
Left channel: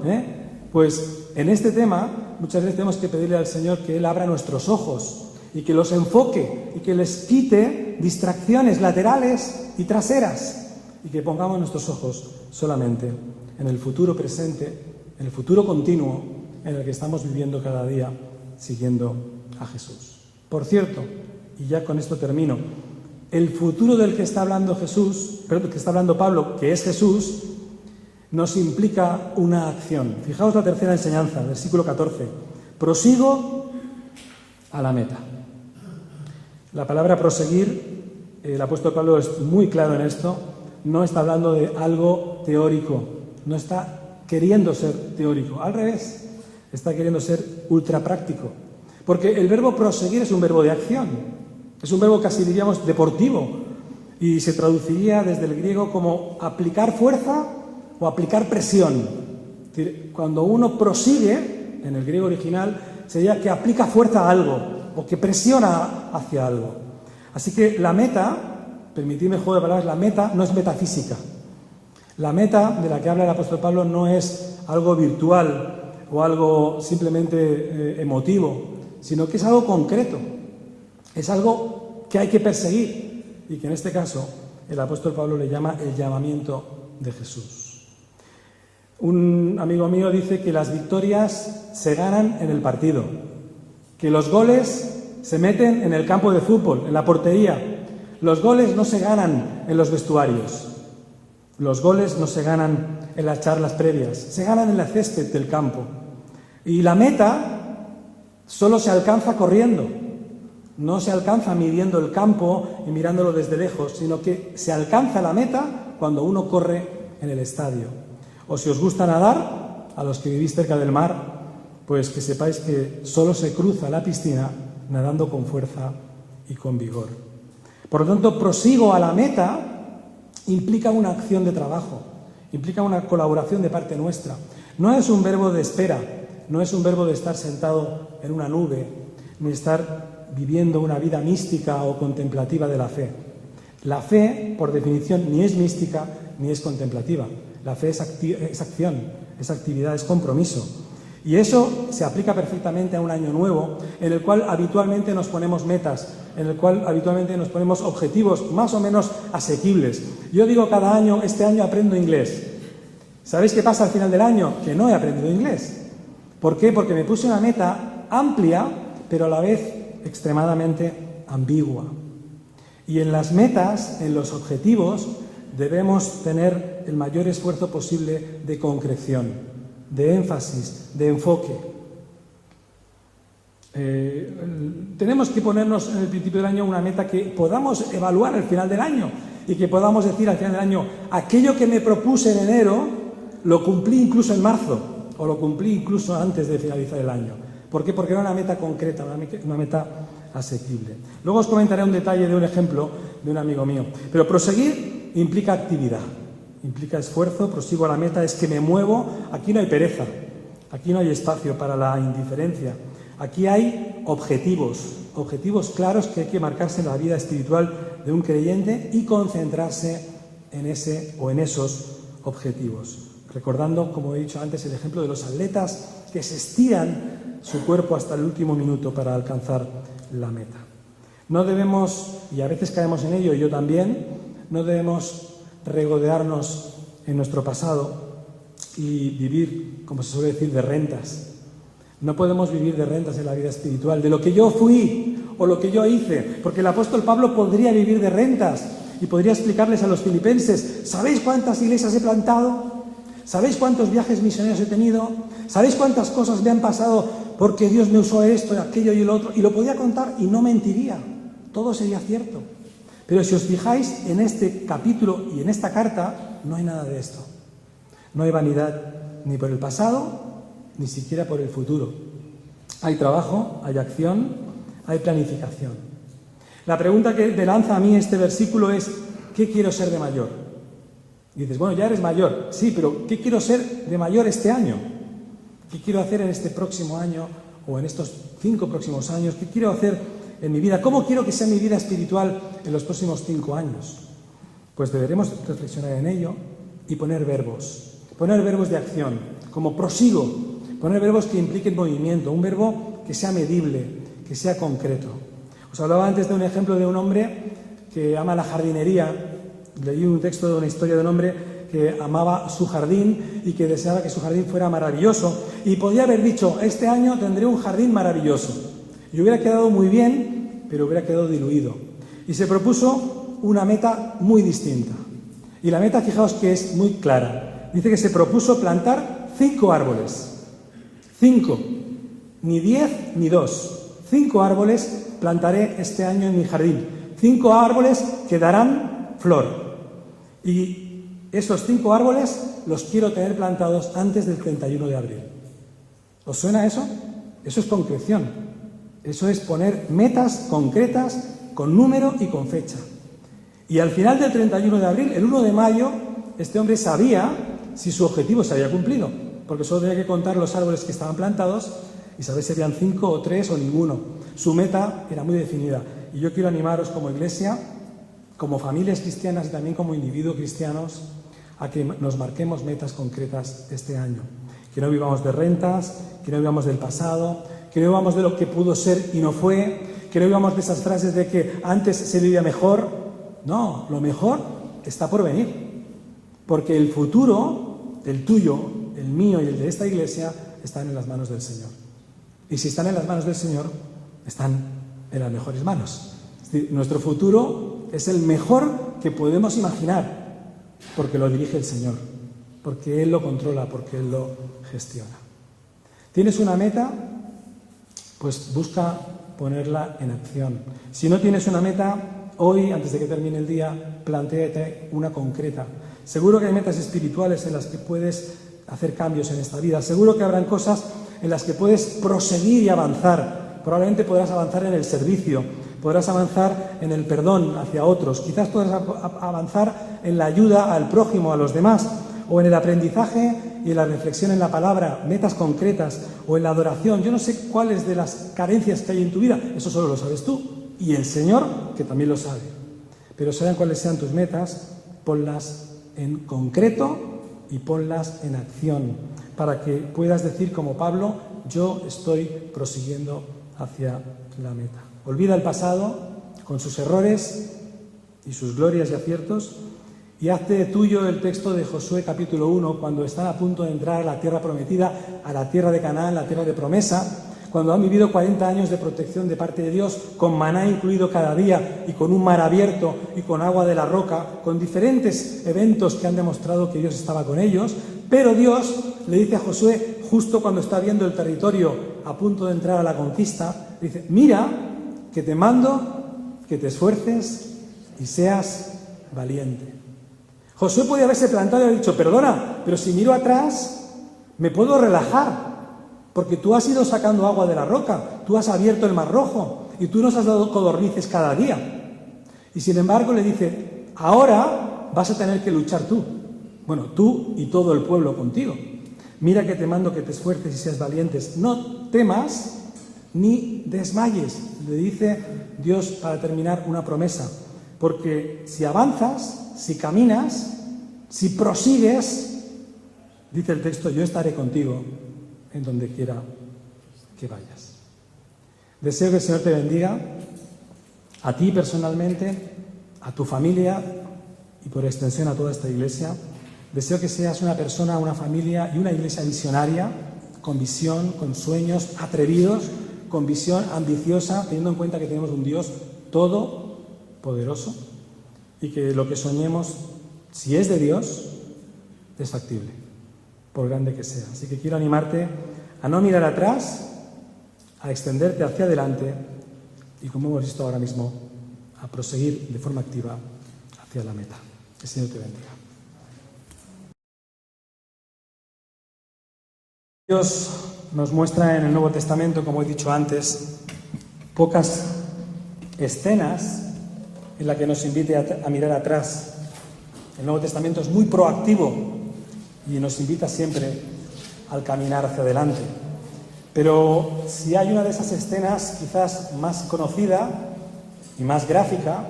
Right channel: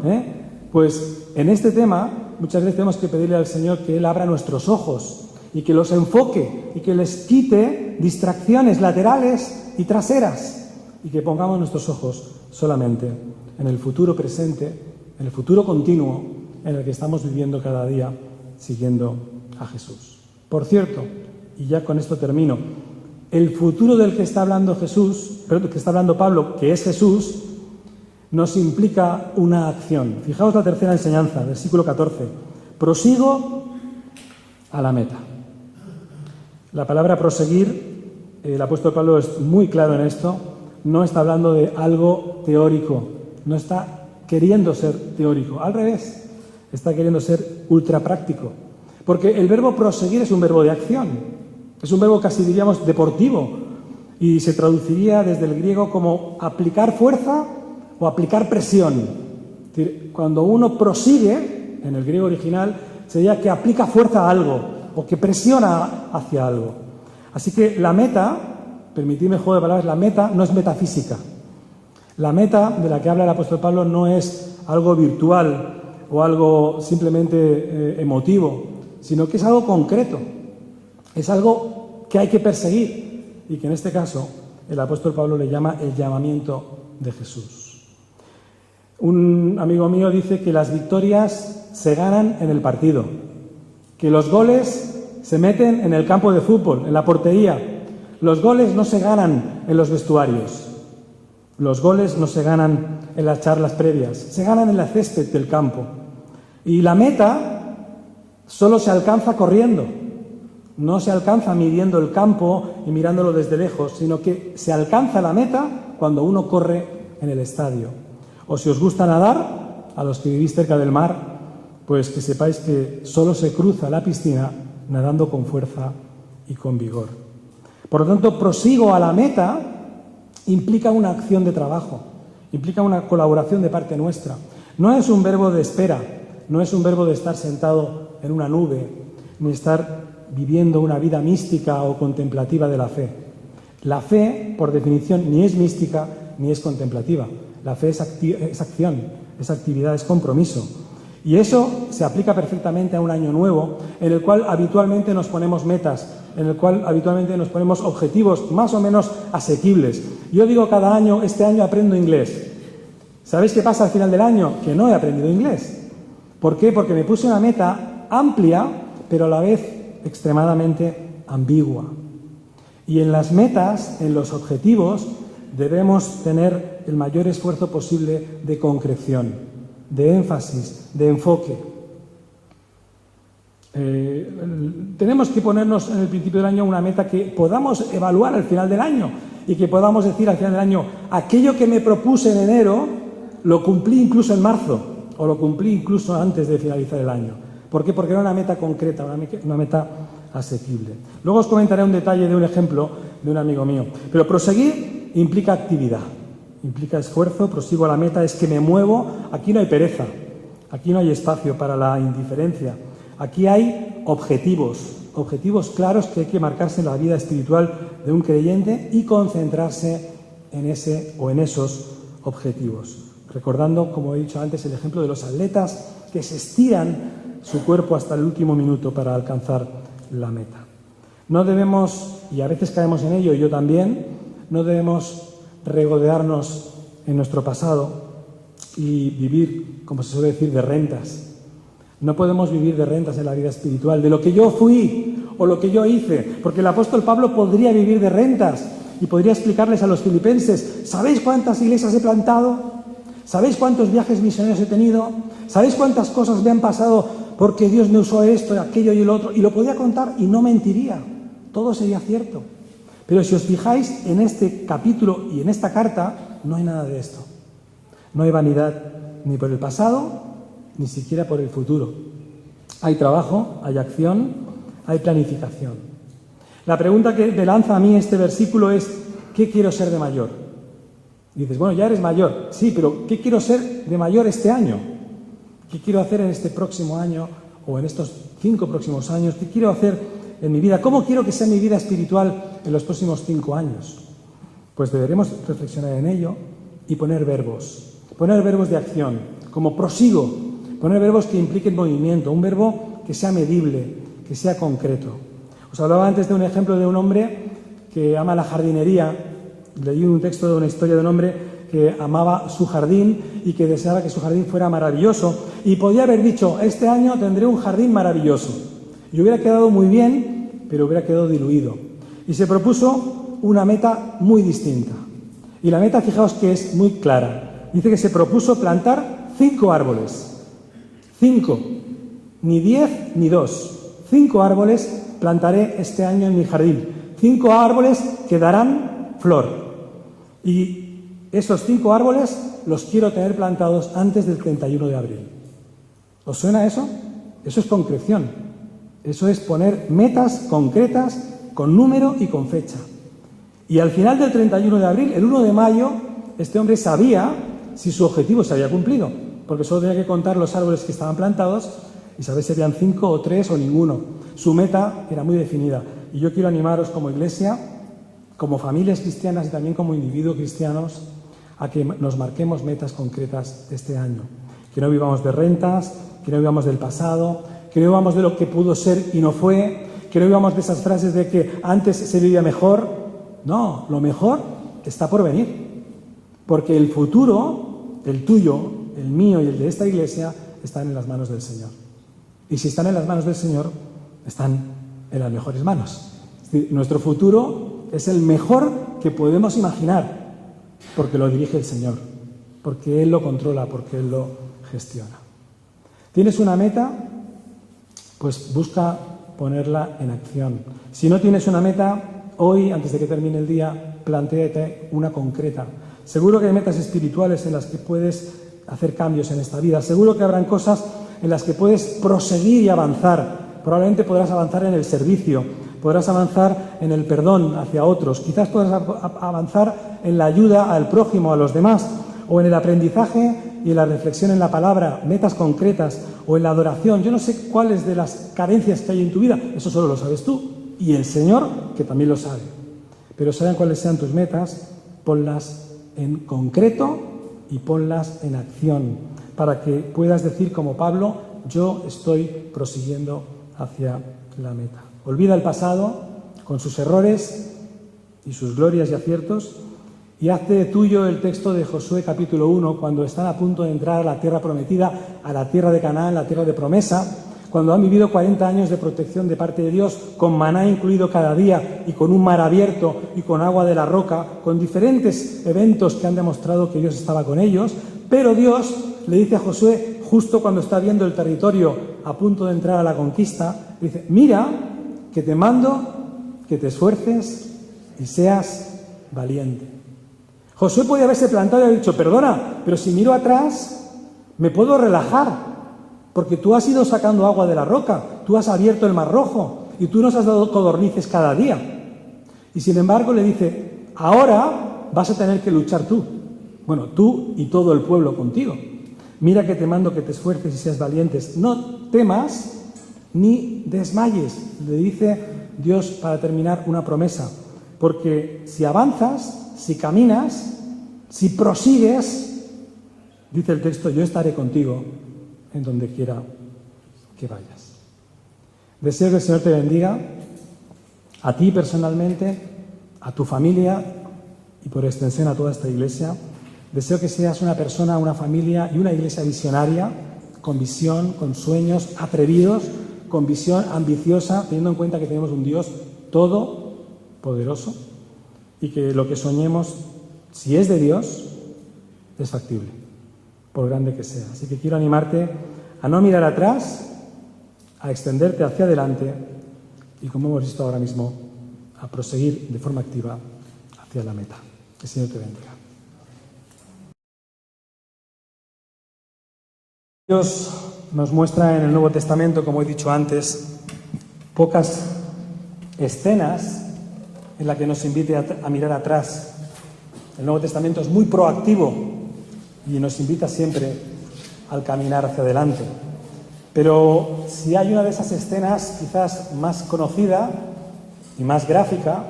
Pues en este tema muchas veces tenemos que pedirle al Señor que Él abra nuestros ojos y que los enfoque y que les quite distracciones laterales y traseras y que pongamos nuestros ojos solamente en el futuro presente, en el futuro continuo en el que estamos viviendo cada día siguiendo a Jesús. Por cierto, y ya con esto termino, el futuro del que está hablando que está hablando Pablo, que es Jesús, nos implica una acción. Fijaos la tercera enseñanza, versículo 14. Prosigo a la meta. La palabra proseguir, el apóstol Pablo es muy claro en esto, no está hablando de algo teórico, no está queriendo ser teórico, al revés, está queriendo ser ultra práctico. Porque el verbo proseguir es un verbo de acción, es un verbo casi diríamos deportivo y se traduciría desde el griego como aplicar fuerza o aplicar presión. Es decir, cuando uno prosigue, en el griego original, sería que aplica fuerza a algo o que presiona hacia algo. Así que la meta, permitidme juego de palabras, la meta no es metafísica. La meta de la que habla el apóstol Pablo no es algo virtual o algo simplemente emotivo, sino que es algo concreto. Es algo que hay que perseguir y que en este caso el apóstol Pablo le llama el llamamiento de Jesús. Un amigo mío dice que las victorias se ganan en el partido, que los goles se meten en el campo de fútbol, en la portería. Los goles no se ganan en los vestuarios. Los goles no se ganan en las charlas previas, se ganan en la césped del campo. Y la meta solo se alcanza corriendo, no se alcanza midiendo el campo y mirándolo desde lejos, sino que se alcanza la meta cuando uno corre en el estadio. O si os gusta nadar, a los que vivís cerca del mar, pues que sepáis que solo se cruza la piscina nadando con fuerza y con vigor. Por lo tanto, prosigo a la meta implica una acción de trabajo, implica una colaboración de parte nuestra. No es un verbo de espera, no es un verbo de estar sentado en una nube, ni estar viviendo una vida mística o contemplativa de la fe. La fe, por definición, ni es mística ni es contemplativa. La fe es acción, es actividad, es compromiso. Y eso se aplica perfectamente a un año nuevo en el cual habitualmente nos ponemos metas, en el cual habitualmente nos ponemos objetivos más o menos asequibles. Yo digo cada año, este año aprendo inglés. ¿Sabéis qué pasa al final del año? Que no he aprendido inglés. ¿Por qué? Porque me puse una meta amplia, pero a la vez extremadamente ambigua. Y en las metas, en los objetivos, debemos tener el mayor esfuerzo posible de concreción, de énfasis, de enfoque. Tenemos que ponernos en el principio del año una meta que podamos evaluar al final del año y que podamos decir al final del año, aquello que me propuse en enero lo cumplí incluso en marzo o lo cumplí incluso antes de finalizar el año. ¿Por qué? Porque era una meta concreta, una meta asequible. Luego os comentaré un detalle de un ejemplo de un amigo mío. Pero proseguir implica actividad, implica esfuerzo, prosigo a la meta, es que me muevo. Aquí no hay pereza, aquí no hay espacio para la indiferencia. Aquí hay objetivos claros que hay que marcarse en la vida espiritual de un creyente y concentrarse en ese o en esos objetivos. Recordando, como he dicho antes, el ejemplo de los atletas que se estiran su cuerpo hasta el último minuto para alcanzar la meta. No debemos, y a veces caemos en ello, y yo también, no debemos regodearnos en nuestro pasado y vivir, como se suele decir, de rentas. No podemos vivir de rentas en la vida espiritual, de lo que yo fui o lo que yo hice, porque el apóstol Pablo podría vivir de rentas y podría explicarles a los filipenses, ¿sabéis cuántas iglesias he plantado? ¿Sabéis cuántos viajes misioneros he tenido? ¿Sabéis cuántas cosas me han pasado porque Dios me usó esto, aquello y lo otro? Y lo podía contar y no mentiría. Todo sería cierto. Pero si os fijáis en este capítulo y en esta carta, no hay nada de esto. No hay vanidad ni por el pasado, ni siquiera por el futuro. Hay trabajo, hay acción, hay planificación. La pregunta que me lanza a mí este versículo es, ¿qué quiero ser de mayor? Y dices, bueno, ya eres mayor. Sí, pero ¿qué quiero ser de mayor este año? ¿Qué quiero hacer en este próximo año o en estos 5 próximos años? ¿Qué quiero hacer en mi vida? ¿Cómo quiero que sea mi vida espiritual en los próximos 5 años? Pues deberemos reflexionar en ello y poner verbos de acción, como prosigo, poner verbos que impliquen movimiento, un verbo que sea medible, que sea concreto. Os hablaba antes de un ejemplo de un hombre que ama la jardinería. Leí un texto de una historia de un hombre que amaba su jardín y que deseaba que su jardín fuera maravilloso y podía haber dicho, este año tendré un jardín maravilloso. Y hubiera quedado muy bien, pero hubiera quedado diluido. Y se propuso una meta muy distinta. Y la meta, fijaos que es muy clara. Dice que se propuso plantar 5 árboles. 5. Ni 10 ni 2. 5 árboles plantaré este año en mi jardín. 5 árboles que darán flor. Y esos 5 árboles los quiero tener plantados antes del 31 de abril. ¿Os suena eso? Eso es concreción. Eso es poner metas concretas con número y con fecha. Y al final del 31 de abril, el 1 de mayo, este hombre sabía si su objetivo se había cumplido, porque solo tenía que contar los árboles que estaban plantados y saber si habían 5 o 3 o ninguno. Su meta era muy definida. Y yo quiero animaros como iglesia, como familias cristianas y también como individuos cristianos, a que nos marquemos metas concretas este año. Que no vivamos de rentas, que no vivamos del pasado, que no vivamos de lo que pudo ser y no fue, que no vivamos de esas frases de que antes se vivía mejor. No, lo mejor está por venir. Porque el futuro, el tuyo, el mío y el de esta iglesia, están en las manos del Señor. Y si están en las manos del Señor, están en las mejores manos. Es decir, nuestro futuro es el mejor que podemos imaginar, porque lo dirige el Señor, porque Él lo controla, porque Él lo gestiona. ¿Tienes una meta? Pues busca ponerla en acción. Si no tienes una meta, hoy, antes de que termine el día, plantéate una concreta. Seguro que hay metas espirituales en las que puedes hacer cambios en esta vida. Seguro que habrán cosas en las que puedes proseguir y avanzar. Probablemente podrás avanzar en el servicio, podrás avanzar en el perdón hacia otros, quizás podrás avanzar en la ayuda al prójimo, a los demás, o en el aprendizaje y en la reflexión en la palabra, metas concretas, o en la adoración. Yo no sé cuáles de las carencias que hay en tu vida, eso solo lo sabes tú, y el Señor, que también lo sabe. Pero sean cuáles sean tus metas, ponlas en concreto y ponlas en acción, para que puedas decir como Pablo, yo estoy prosiguiendo hacia la meta. Olvida el pasado con sus errores y sus glorias y aciertos y hazte tuyo el texto de Josué capítulo 1, cuando están a punto de entrar a la tierra prometida, a la tierra de Canaán, la tierra de promesa, cuando han vivido 40 años de protección de parte de Dios, con maná incluido cada día y con un mar abierto y con agua de la roca, con diferentes eventos que han demostrado que Dios estaba con ellos, pero Dios le dice a Josué, justo cuando está viendo el territorio a punto de entrar a la conquista, dice, mira que te mando que te esfuerces y seas valiente. Josué podía haberse plantado y haber dicho, perdona, pero si miro atrás me puedo relajar, porque tú has ido sacando agua de la roca, tú has abierto el mar rojo y tú nos has dado codornices cada día. Y sin embargo le dice, ahora vas a tener que luchar tú. Bueno, tú y todo el pueblo contigo. Mira que te mando que te esfuerces y seas valientes. No temas ni desmayes, le dice Dios para terminar una promesa. Porque si avanzas, si caminas, si prosigues, dice el texto, yo estaré contigo en donde quiera que vayas. Deseo que el Señor te bendiga, a ti personalmente, a tu familia y por extensión a toda esta iglesia. Deseo que seas una persona, una familia y una iglesia visionaria, con visión, con sueños atrevidos, con visión ambiciosa, teniendo en cuenta que tenemos un Dios todopoderoso y que lo que soñemos, si es de Dios, es factible. por grande que sea. Así que quiero animarte a no mirar atrás, a extenderte hacia adelante y, como hemos visto ahora mismo, a proseguir de forma activa hacia la meta. Que el Señor te bendiga. Dios nos muestra en el Nuevo Testamento, como he dicho antes, pocas escenas en las que nos invite a mirar atrás. El Nuevo Testamento es muy proactivo y nos invita siempre al caminar hacia adelante. Pero si hay una de esas escenas quizás más conocida y más gráfica,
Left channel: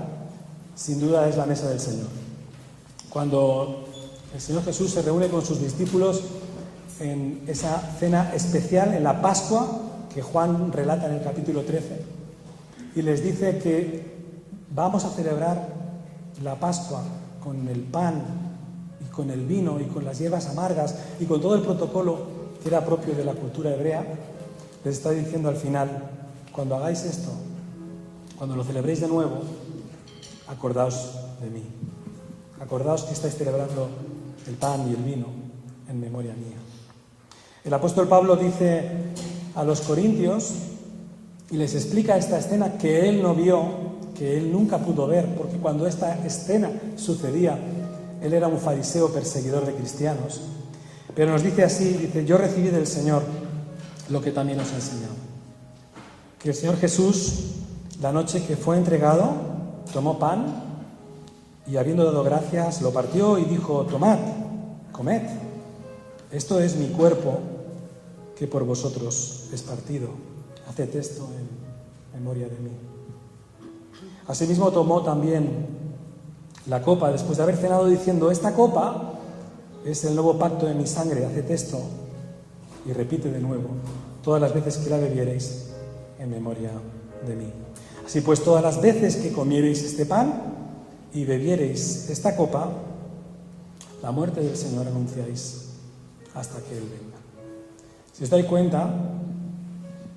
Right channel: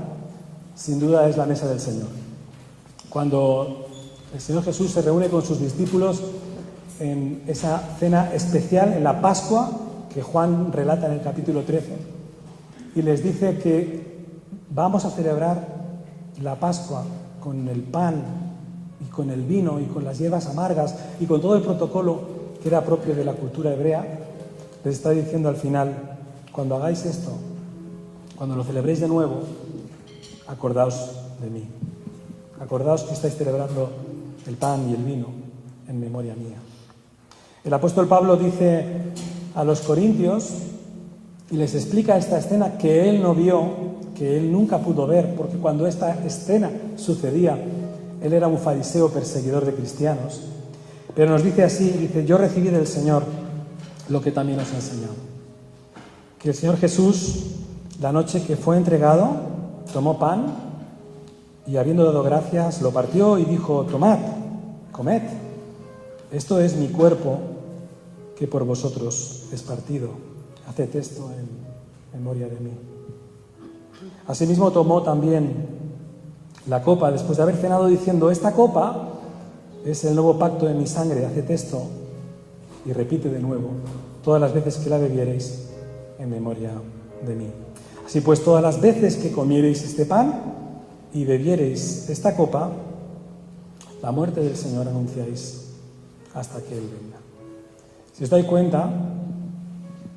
sin duda es la mesa del Señor. Cuando el Señor Jesús se reúne con sus discípulos en esa cena especial, en la Pascua, que Juan relata en el capítulo 13, y les dice que vamos a celebrar la Pascua con el pan y con el vino y con las hierbas amargas y con todo el protocolo que era propio de la cultura hebrea. Les está diciendo al final: cuando hagáis esto, cuando lo celebréis de nuevo, acordaos de mí. Acordaos que estáis celebrando el pan y el vino en memoria mía. El apóstol Pablo dice a los corintios y les explica esta escena que él no vio, que él nunca pudo ver, porque cuando esta escena sucedía, él era un fariseo perseguidor de cristianos. Pero nos dice así, dice: yo recibí del Señor lo que también os he enseñado. Que el Señor Jesús, la noche que fue entregado, tomó pan y, habiendo dado gracias, lo partió y dijo: tomad, comed, esto es mi cuerpo que por vosotros es partido. Haced esto en memoria de mí. Asimismo tomó también la copa después de haber cenado, diciendo: esta copa es el nuevo pacto de mi sangre, haced esto y repite de nuevo todas las veces que la bebiereis en memoria de mí. Así pues, todas las veces que comiereis este pan y bebiereis esta copa, la muerte del Señor anunciáis hasta que Él venga. Si os dais cuenta,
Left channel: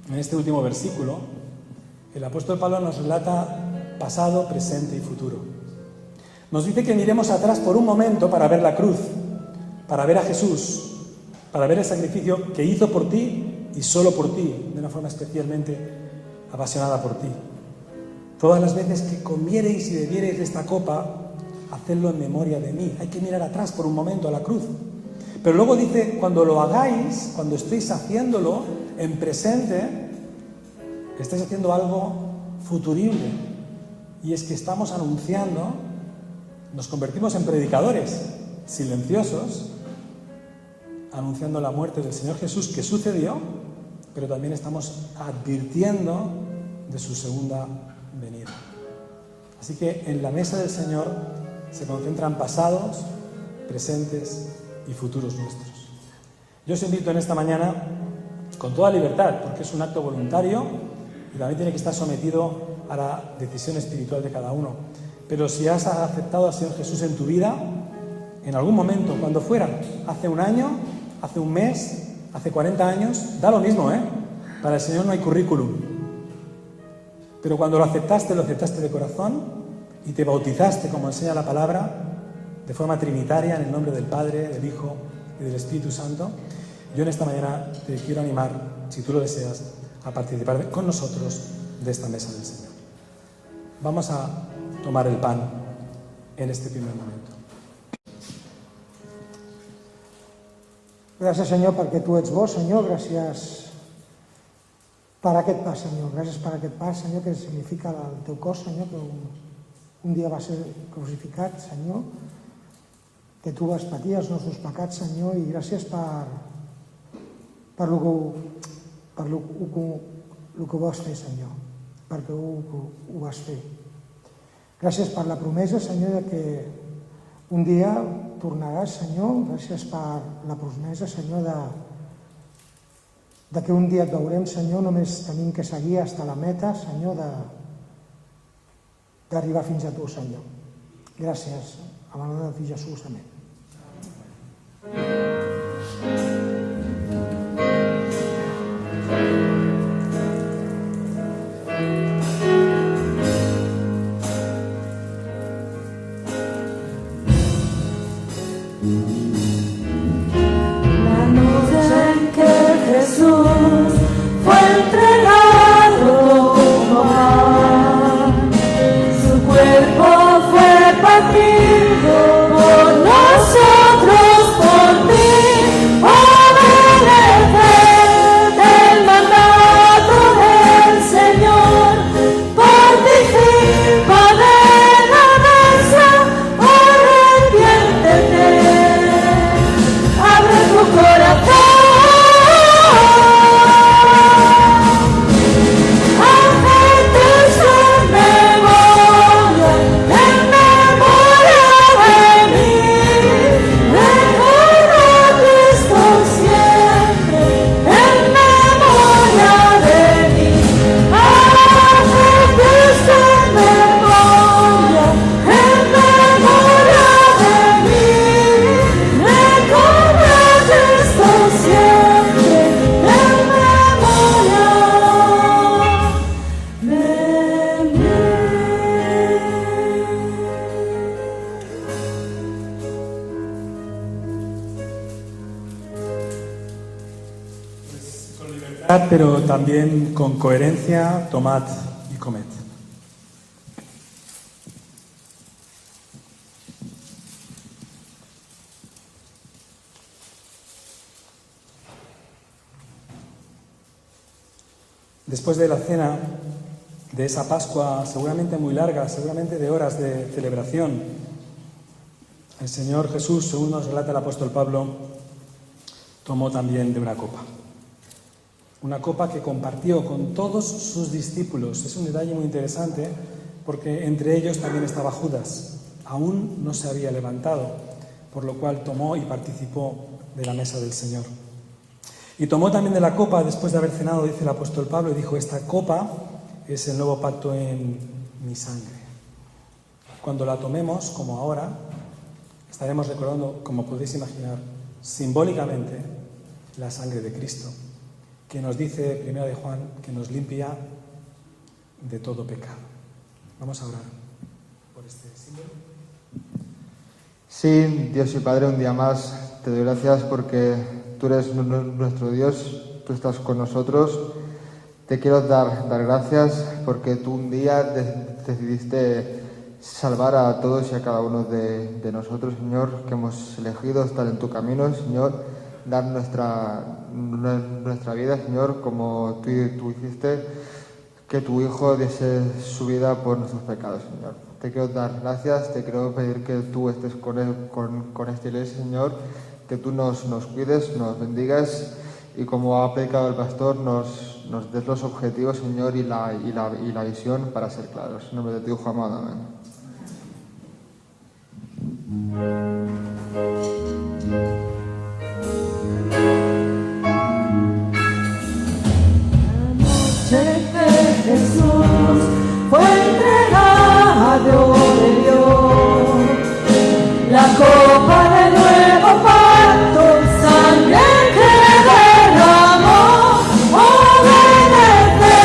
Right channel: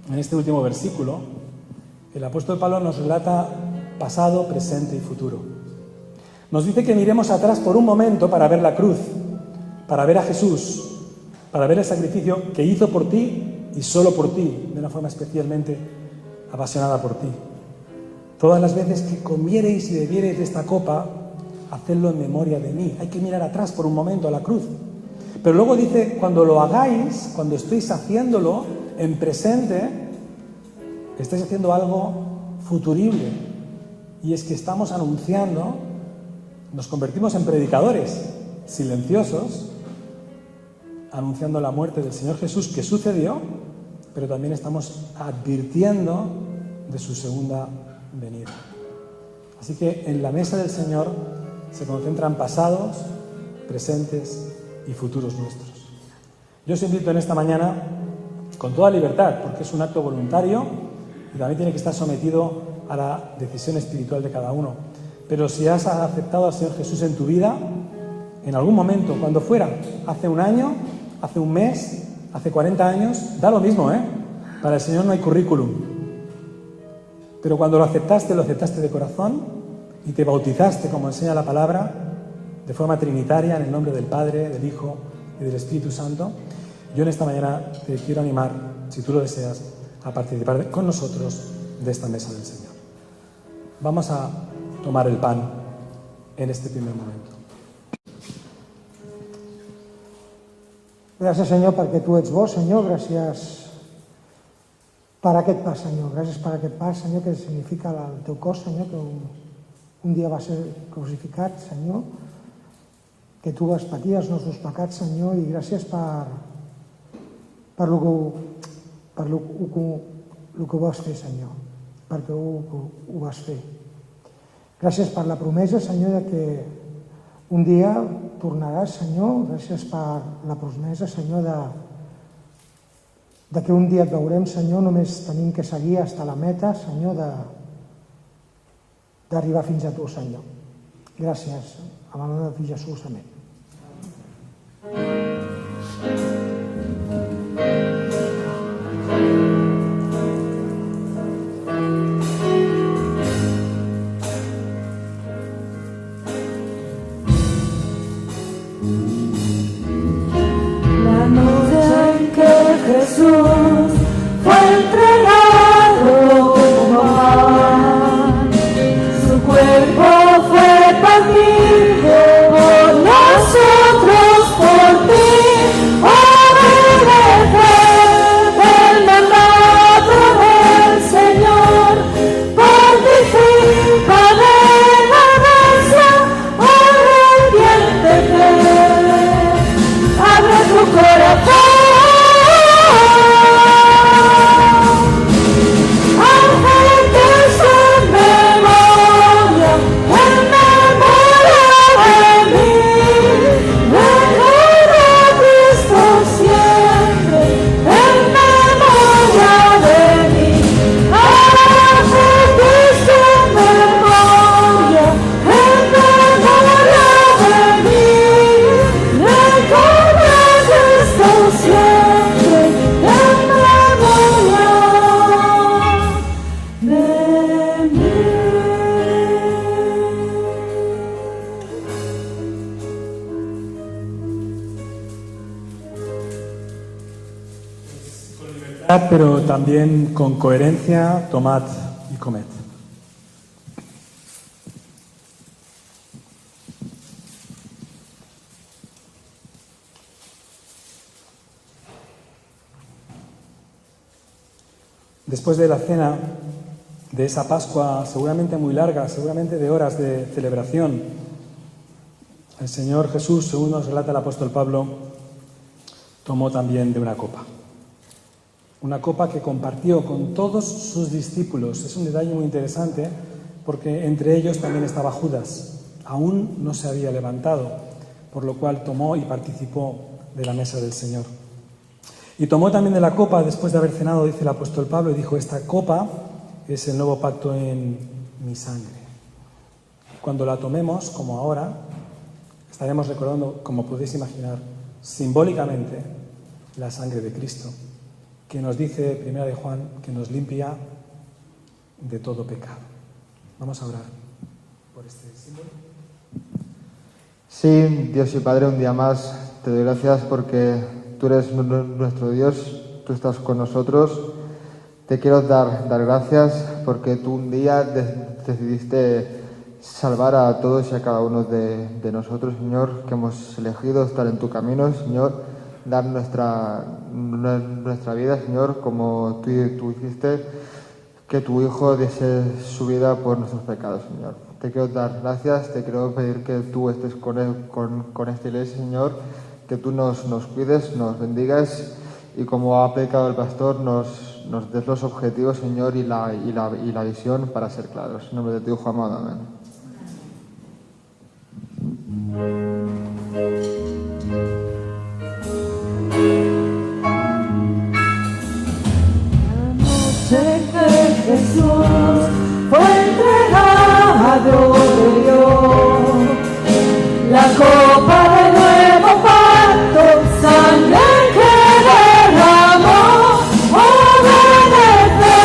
en este último versículo, el apóstol Pablo nos relata pasado, presente y futuro. Nos dice que miremos atrás por un momento para ver la cruz, para ver a Jesús, para ver el sacrificio que hizo por ti y solo por ti, de una forma especialmente apasionada por ti. Todas las veces que comiereis y bebiereis de esta copa, hacedlo en memoria de mí. Hay que mirar atrás por un momento a la cruz. Pero luego dice: cuando lo hagáis, cuando estéis haciéndolo en presente, estáis haciendo algo futurible. Y es que estamos anunciando, nos convertimos en predicadores silenciosos, anunciando la muerte del Señor Jesús, que sucedió, pero también estamos advirtiendo de su segunda venida. Así que en la mesa del Señor se concentran pasados, presentes y futuros nuestros. Yo os invito en esta mañana, con toda libertad, porque es un acto voluntario y también tiene que estar sometido a la decisión espiritual de cada uno. Pero si has aceptado al Señor Jesús en tu vida, en algún momento, cuando fuera, hace un año, hace un mes, hace 40 años, da lo mismo, ¿eh? Para el Señor no hay currículum. Pero cuando lo aceptaste de corazón y te bautizaste, como enseña la palabra, de forma trinitaria, en el nombre del Padre, del Hijo y del Espíritu Santo, yo en esta mañana te quiero animar, si tú lo deseas, a participar con nosotros de esta mesa del Señor. Vamos a tomar el pan en este primer momento. Gràcies, Senyor, perquè tu ets bo, Senyor. Gràcies per aquest pa, Senyor. Gràcies per aquest pa, Senyor, que significa el teu cos, Senyor, que un dia va ser crucificat, Senyor, que tu vas patir els nostres pecats, Senyor, i gràcies per el que vas fer, Senyor, perquè ho vas fer. Gràcies per la promesa, Senyor, de que un dia tornaràs, Senyor. Gràcies per la promesa, Senyor, de que un dia et veurem, Senyor. Només tenim que seguir fins a la meta, Senyor, d'arribar fins a tu, Senyor. Gràcies. En el nom de Jesús. Amén. La pero también con coherencia, tomad y comed. Después de la cena, de esa Pascua seguramente muy larga, seguramente de horas de celebración, el Señor Jesús, según nos relata el apóstol Pablo, tomó también de una copa que compartió con todos sus discípulos. Es un detalle muy interesante porque entre ellos también estaba Judas, aún no se había levantado, por lo cual tomó y participó de la mesa del Señor. Y tomó también de la copa después de haber cenado, dice el apóstol Pablo, y dijo: esta copa es el nuevo pacto en mi sangre. Cuando la tomemos, como ahora, estaremos recordando, como podéis imaginar, simbólicamente la sangre de Cristo, que nos dice, 1 de Juan, que nos limpia de todo pecado. Vamos a orar por este símbolo. Sí, Dios y Padre, un día más te doy gracias porque tú eres nuestro Dios, tú estás con nosotros. Te quiero dar gracias porque tú un día decidiste salvar a todos y a cada uno de nosotros, Señor, que hemos elegido estar en tu camino, Señor, dar nuestra vida, Señor, como tú hiciste, que tu Hijo diese su vida por nuestros pecados, Señor. Te quiero dar gracias, te quiero pedir que tú estés con esta iglesia, Señor, que tú nos cuides, nos bendigas y como ha predicado el pastor, nos des los objetivos, Señor, y la visión para ser claros. En nombre de tu Hijo amado, amén. Sé que Jesús fue entregado de Dios, la copa del nuevo pacto, sangre que derramó, obedece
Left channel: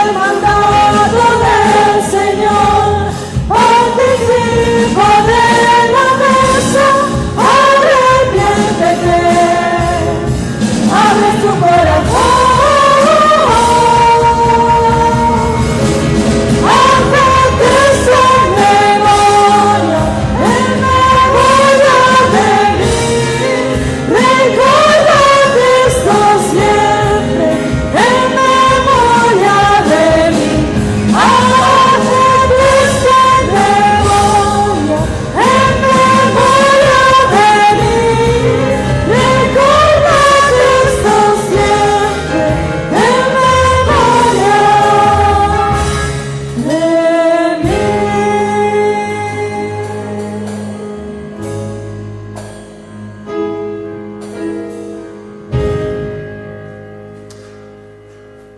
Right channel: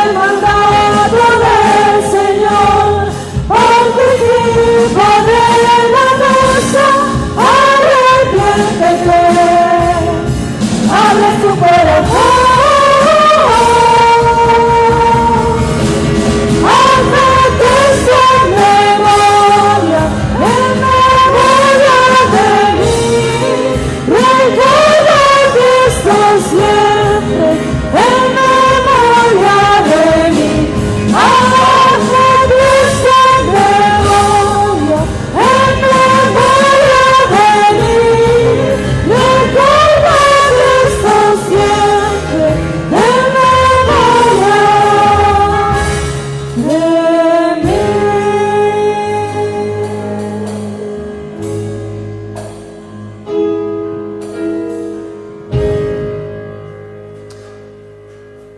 el mandato del Señor, participa de la mesa, arrepiéntete, abre tu corazón.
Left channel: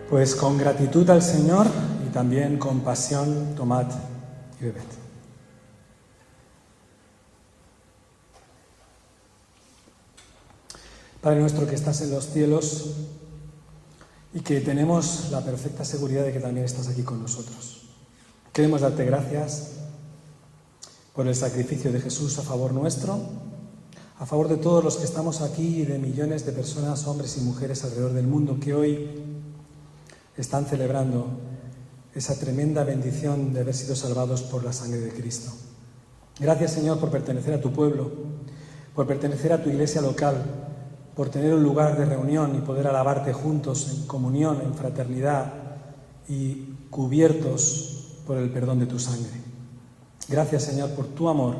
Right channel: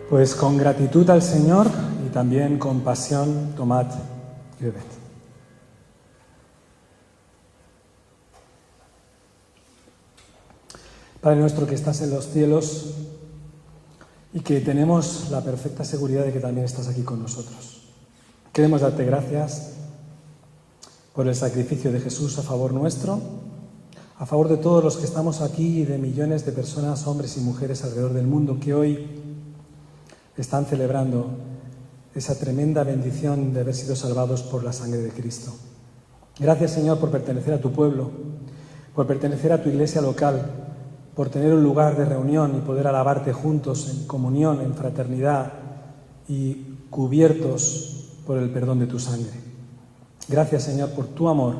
Pues con gratitud al Señor y también con pasión, tomad y bebed. Padre nuestro que estás en los cielos y que tenemos la perfecta seguridad de que también estás aquí con nosotros. Queremos darte gracias por el sacrificio de Jesús a favor nuestro, a favor de todos los que estamos aquí y de millones de personas, hombres y mujeres alrededor del mundo que hoy están celebrando esa tremenda bendición de haber sido salvados por la sangre de Cristo. Gracias, Señor, por pertenecer a tu pueblo, por pertenecer a tu iglesia local, por tener un lugar de reunión y poder alabarte juntos en comunión, en fraternidad y cubiertos por el perdón de tu sangre. Gracias, Señor, por tu amor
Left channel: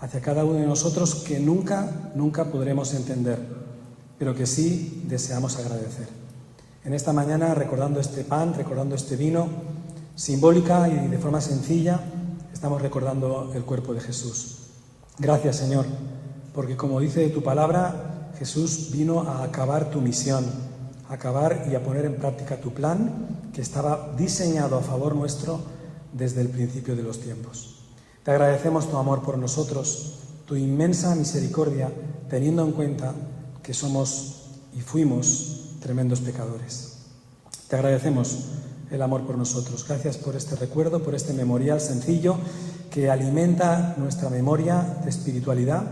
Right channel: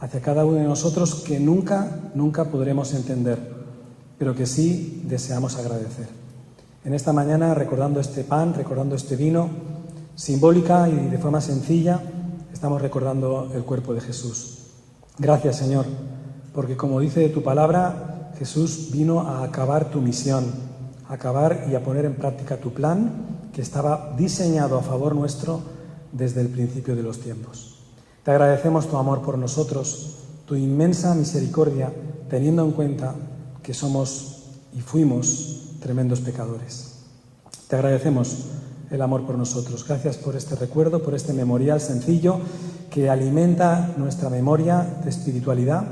hacia cada uno de nosotros que nunca podremos entender, pero que sí deseamos agradecer. En esta mañana, recordando este pan, recordando este vino, simbólica y de forma sencilla, estamos recordando el cuerpo de Jesús. Gracias, Señor, porque como dice tu palabra, Jesús vino a acabar tu misión, a acabar y a poner en práctica tu plan que estaba diseñado a favor nuestro desde el principio de los tiempos. Te agradecemos tu amor por nosotros, tu inmensa misericordia, teniendo en cuenta que somos y fuimos tremendos pecadores. Te agradecemos el amor por nosotros. Gracias por este recuerdo, por este memorial sencillo que alimenta nuestra memoria de espiritualidad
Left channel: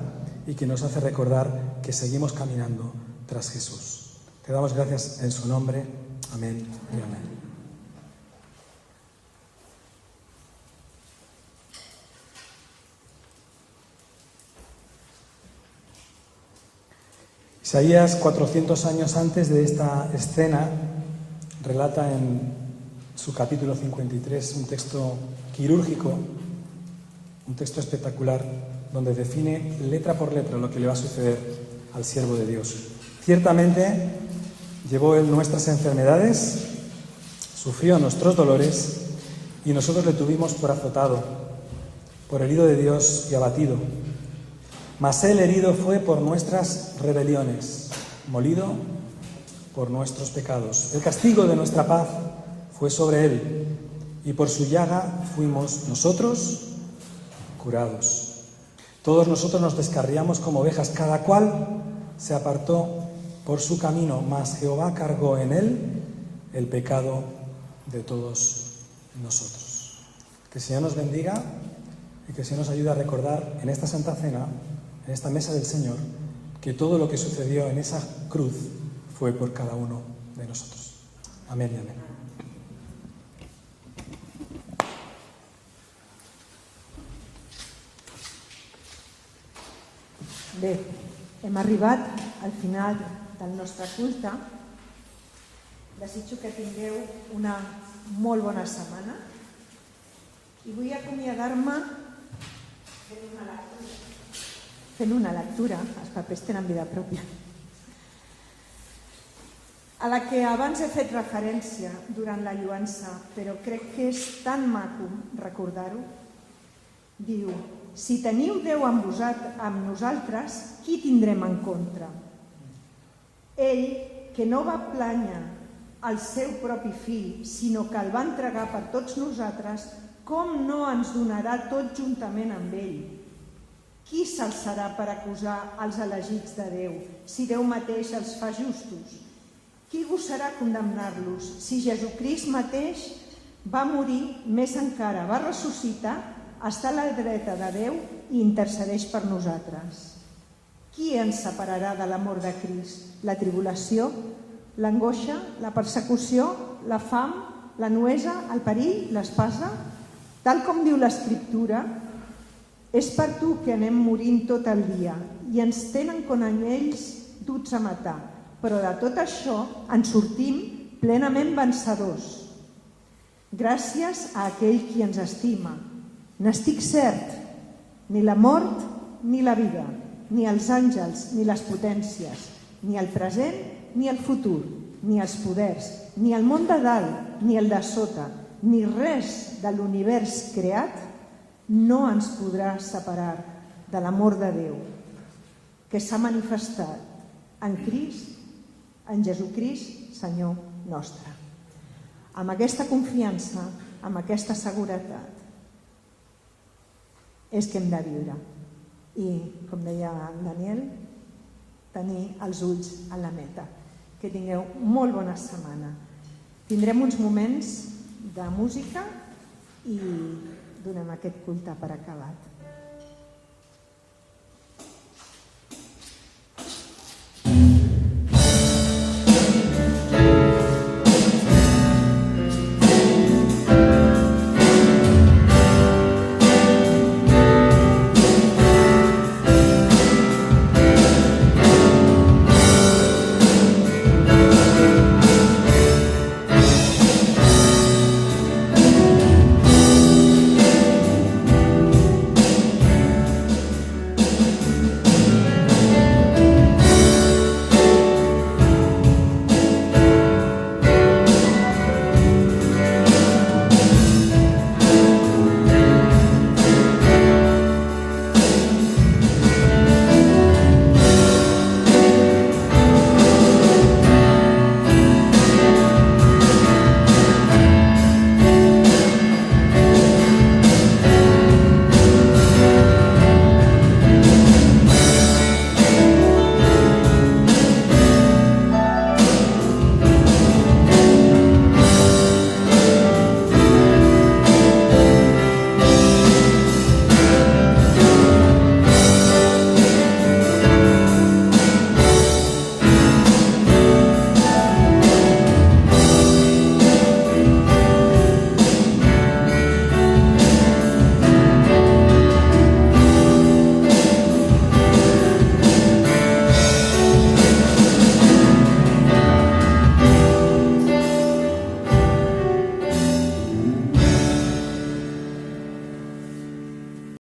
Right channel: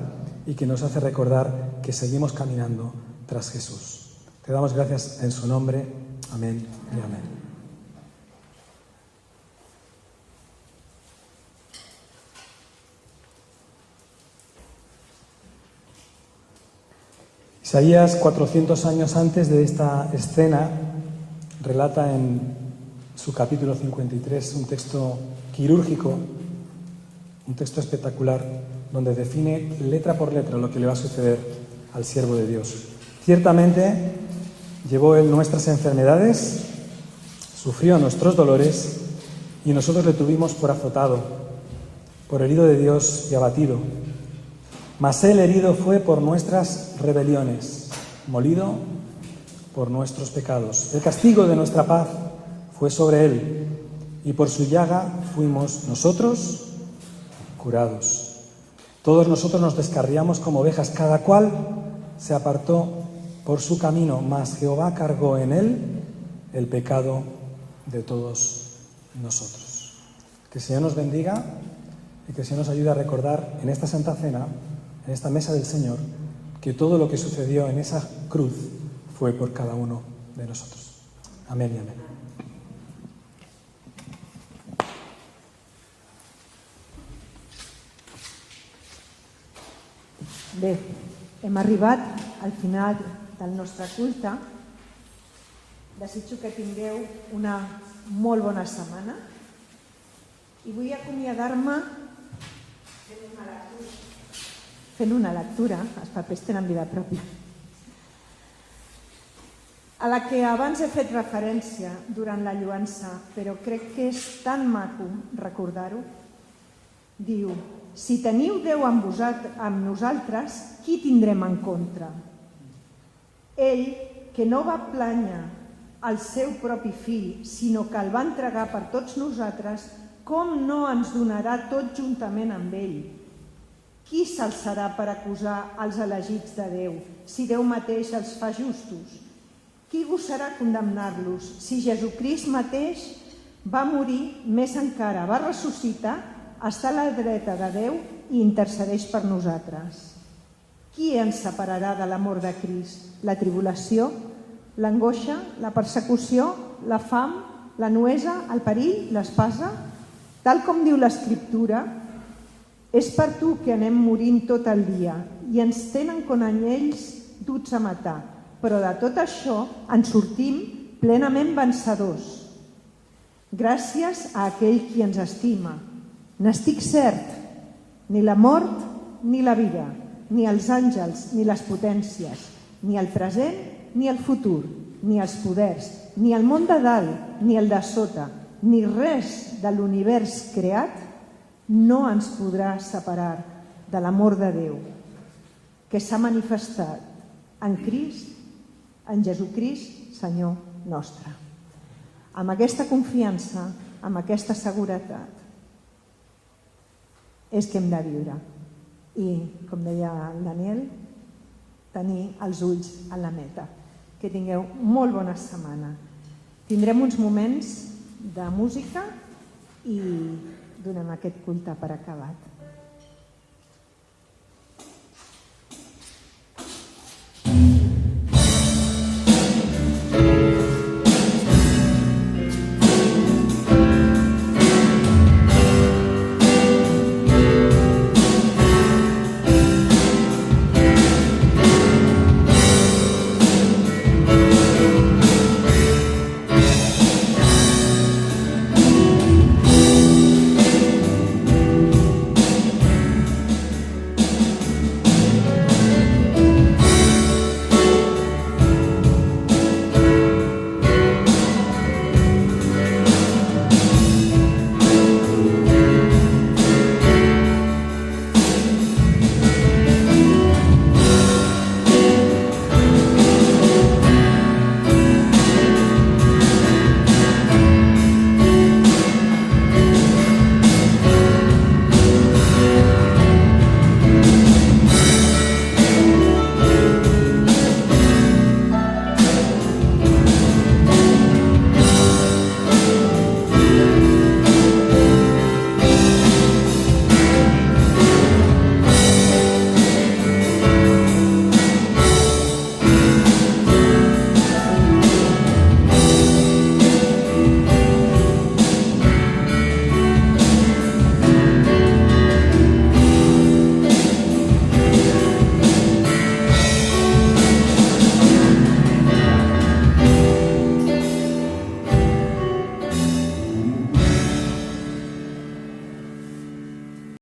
y que nos hace recordar que seguimos caminando tras Jesús. Te damos gracias en su nombre. Amén y amén. Isaías, 400 años antes de esta escena, relata en su capítulo 53 un texto quirúrgico, un texto espectacular, donde define letra por letra lo que le va a suceder al siervo de Dios. Ciertamente llevó él nuestras enfermedades, sufrió nuestros dolores y nosotros le tuvimos por azotado, por herido de Dios y abatido. Mas él herido fue por nuestras rebeliones, molido por nuestros pecados. El castigo de nuestra paz fue sobre él, y por su llaga fuimos nosotros curados. Todos nosotros nos descarriamos como ovejas, cada cual se apartó por su camino, mas Jehová cargó en él el pecado de todos nosotros. Que el Señor nos bendiga y que el Señor nos ayude a recordar en esta Santa Cena, en esta mesa del Señor, que todo lo que sucedió en esa cruz fue por cada uno de nosotros. Amén y amén. Bé, hem arribat al final del nostre culte. Desitjo que tingueu una molt bona setmana i vull acomiadar-me fent una lectura, els papers tenen vida pròpia, a la que abans he fet referència durant la lloança, però crec que és tan maco recordar-ho. Diu: si teniu Déu amb nosaltres, qui tindrem en contra? Ell, que no va plànyer el seu propi fill, sinó que el va entregar per tots nosaltres, com no ens donarà tot juntament amb ell? Qui s'alçarà per acusar els elegits de Déu, si Déu mateix els fa justos? Qui gosarà condemnar-los, si Jesucrist mateix va morir, més encara va ressuscitar, està a la dreta de Déu i intercedeix per nosaltres? Qui ens separarà de l'amor de Crist? La tribulació, l'angoixa, la persecució, la fam, la nuesa, el perill, l'espasa? Tal com diu l'Escriptura, és per tu que anem morint tot el dia i ens tenen com anyells duts a matar, però de tot això en sortim plenament vencedors. Gràcies a aquell qui ens estima. N'estic cert, ni la mort ni la vida, ni els àngels ni les potències, ni el present ni el futur, ni els poders, ni el món de dalt ni el de sota, ni res de l'univers creat no ens podrà separar de l'amor de Déu, que s'ha manifestat en Crist, en Jesucrist, Senyor nostre. Amb aquesta confiança, amb aquesta seguretat, és que hem de viure. I, com deia el Daniel, tenir els ulls a la meta. Que tingueu molt bona setmana. Tindrem uns moments de música i donem aquest culte per acabat.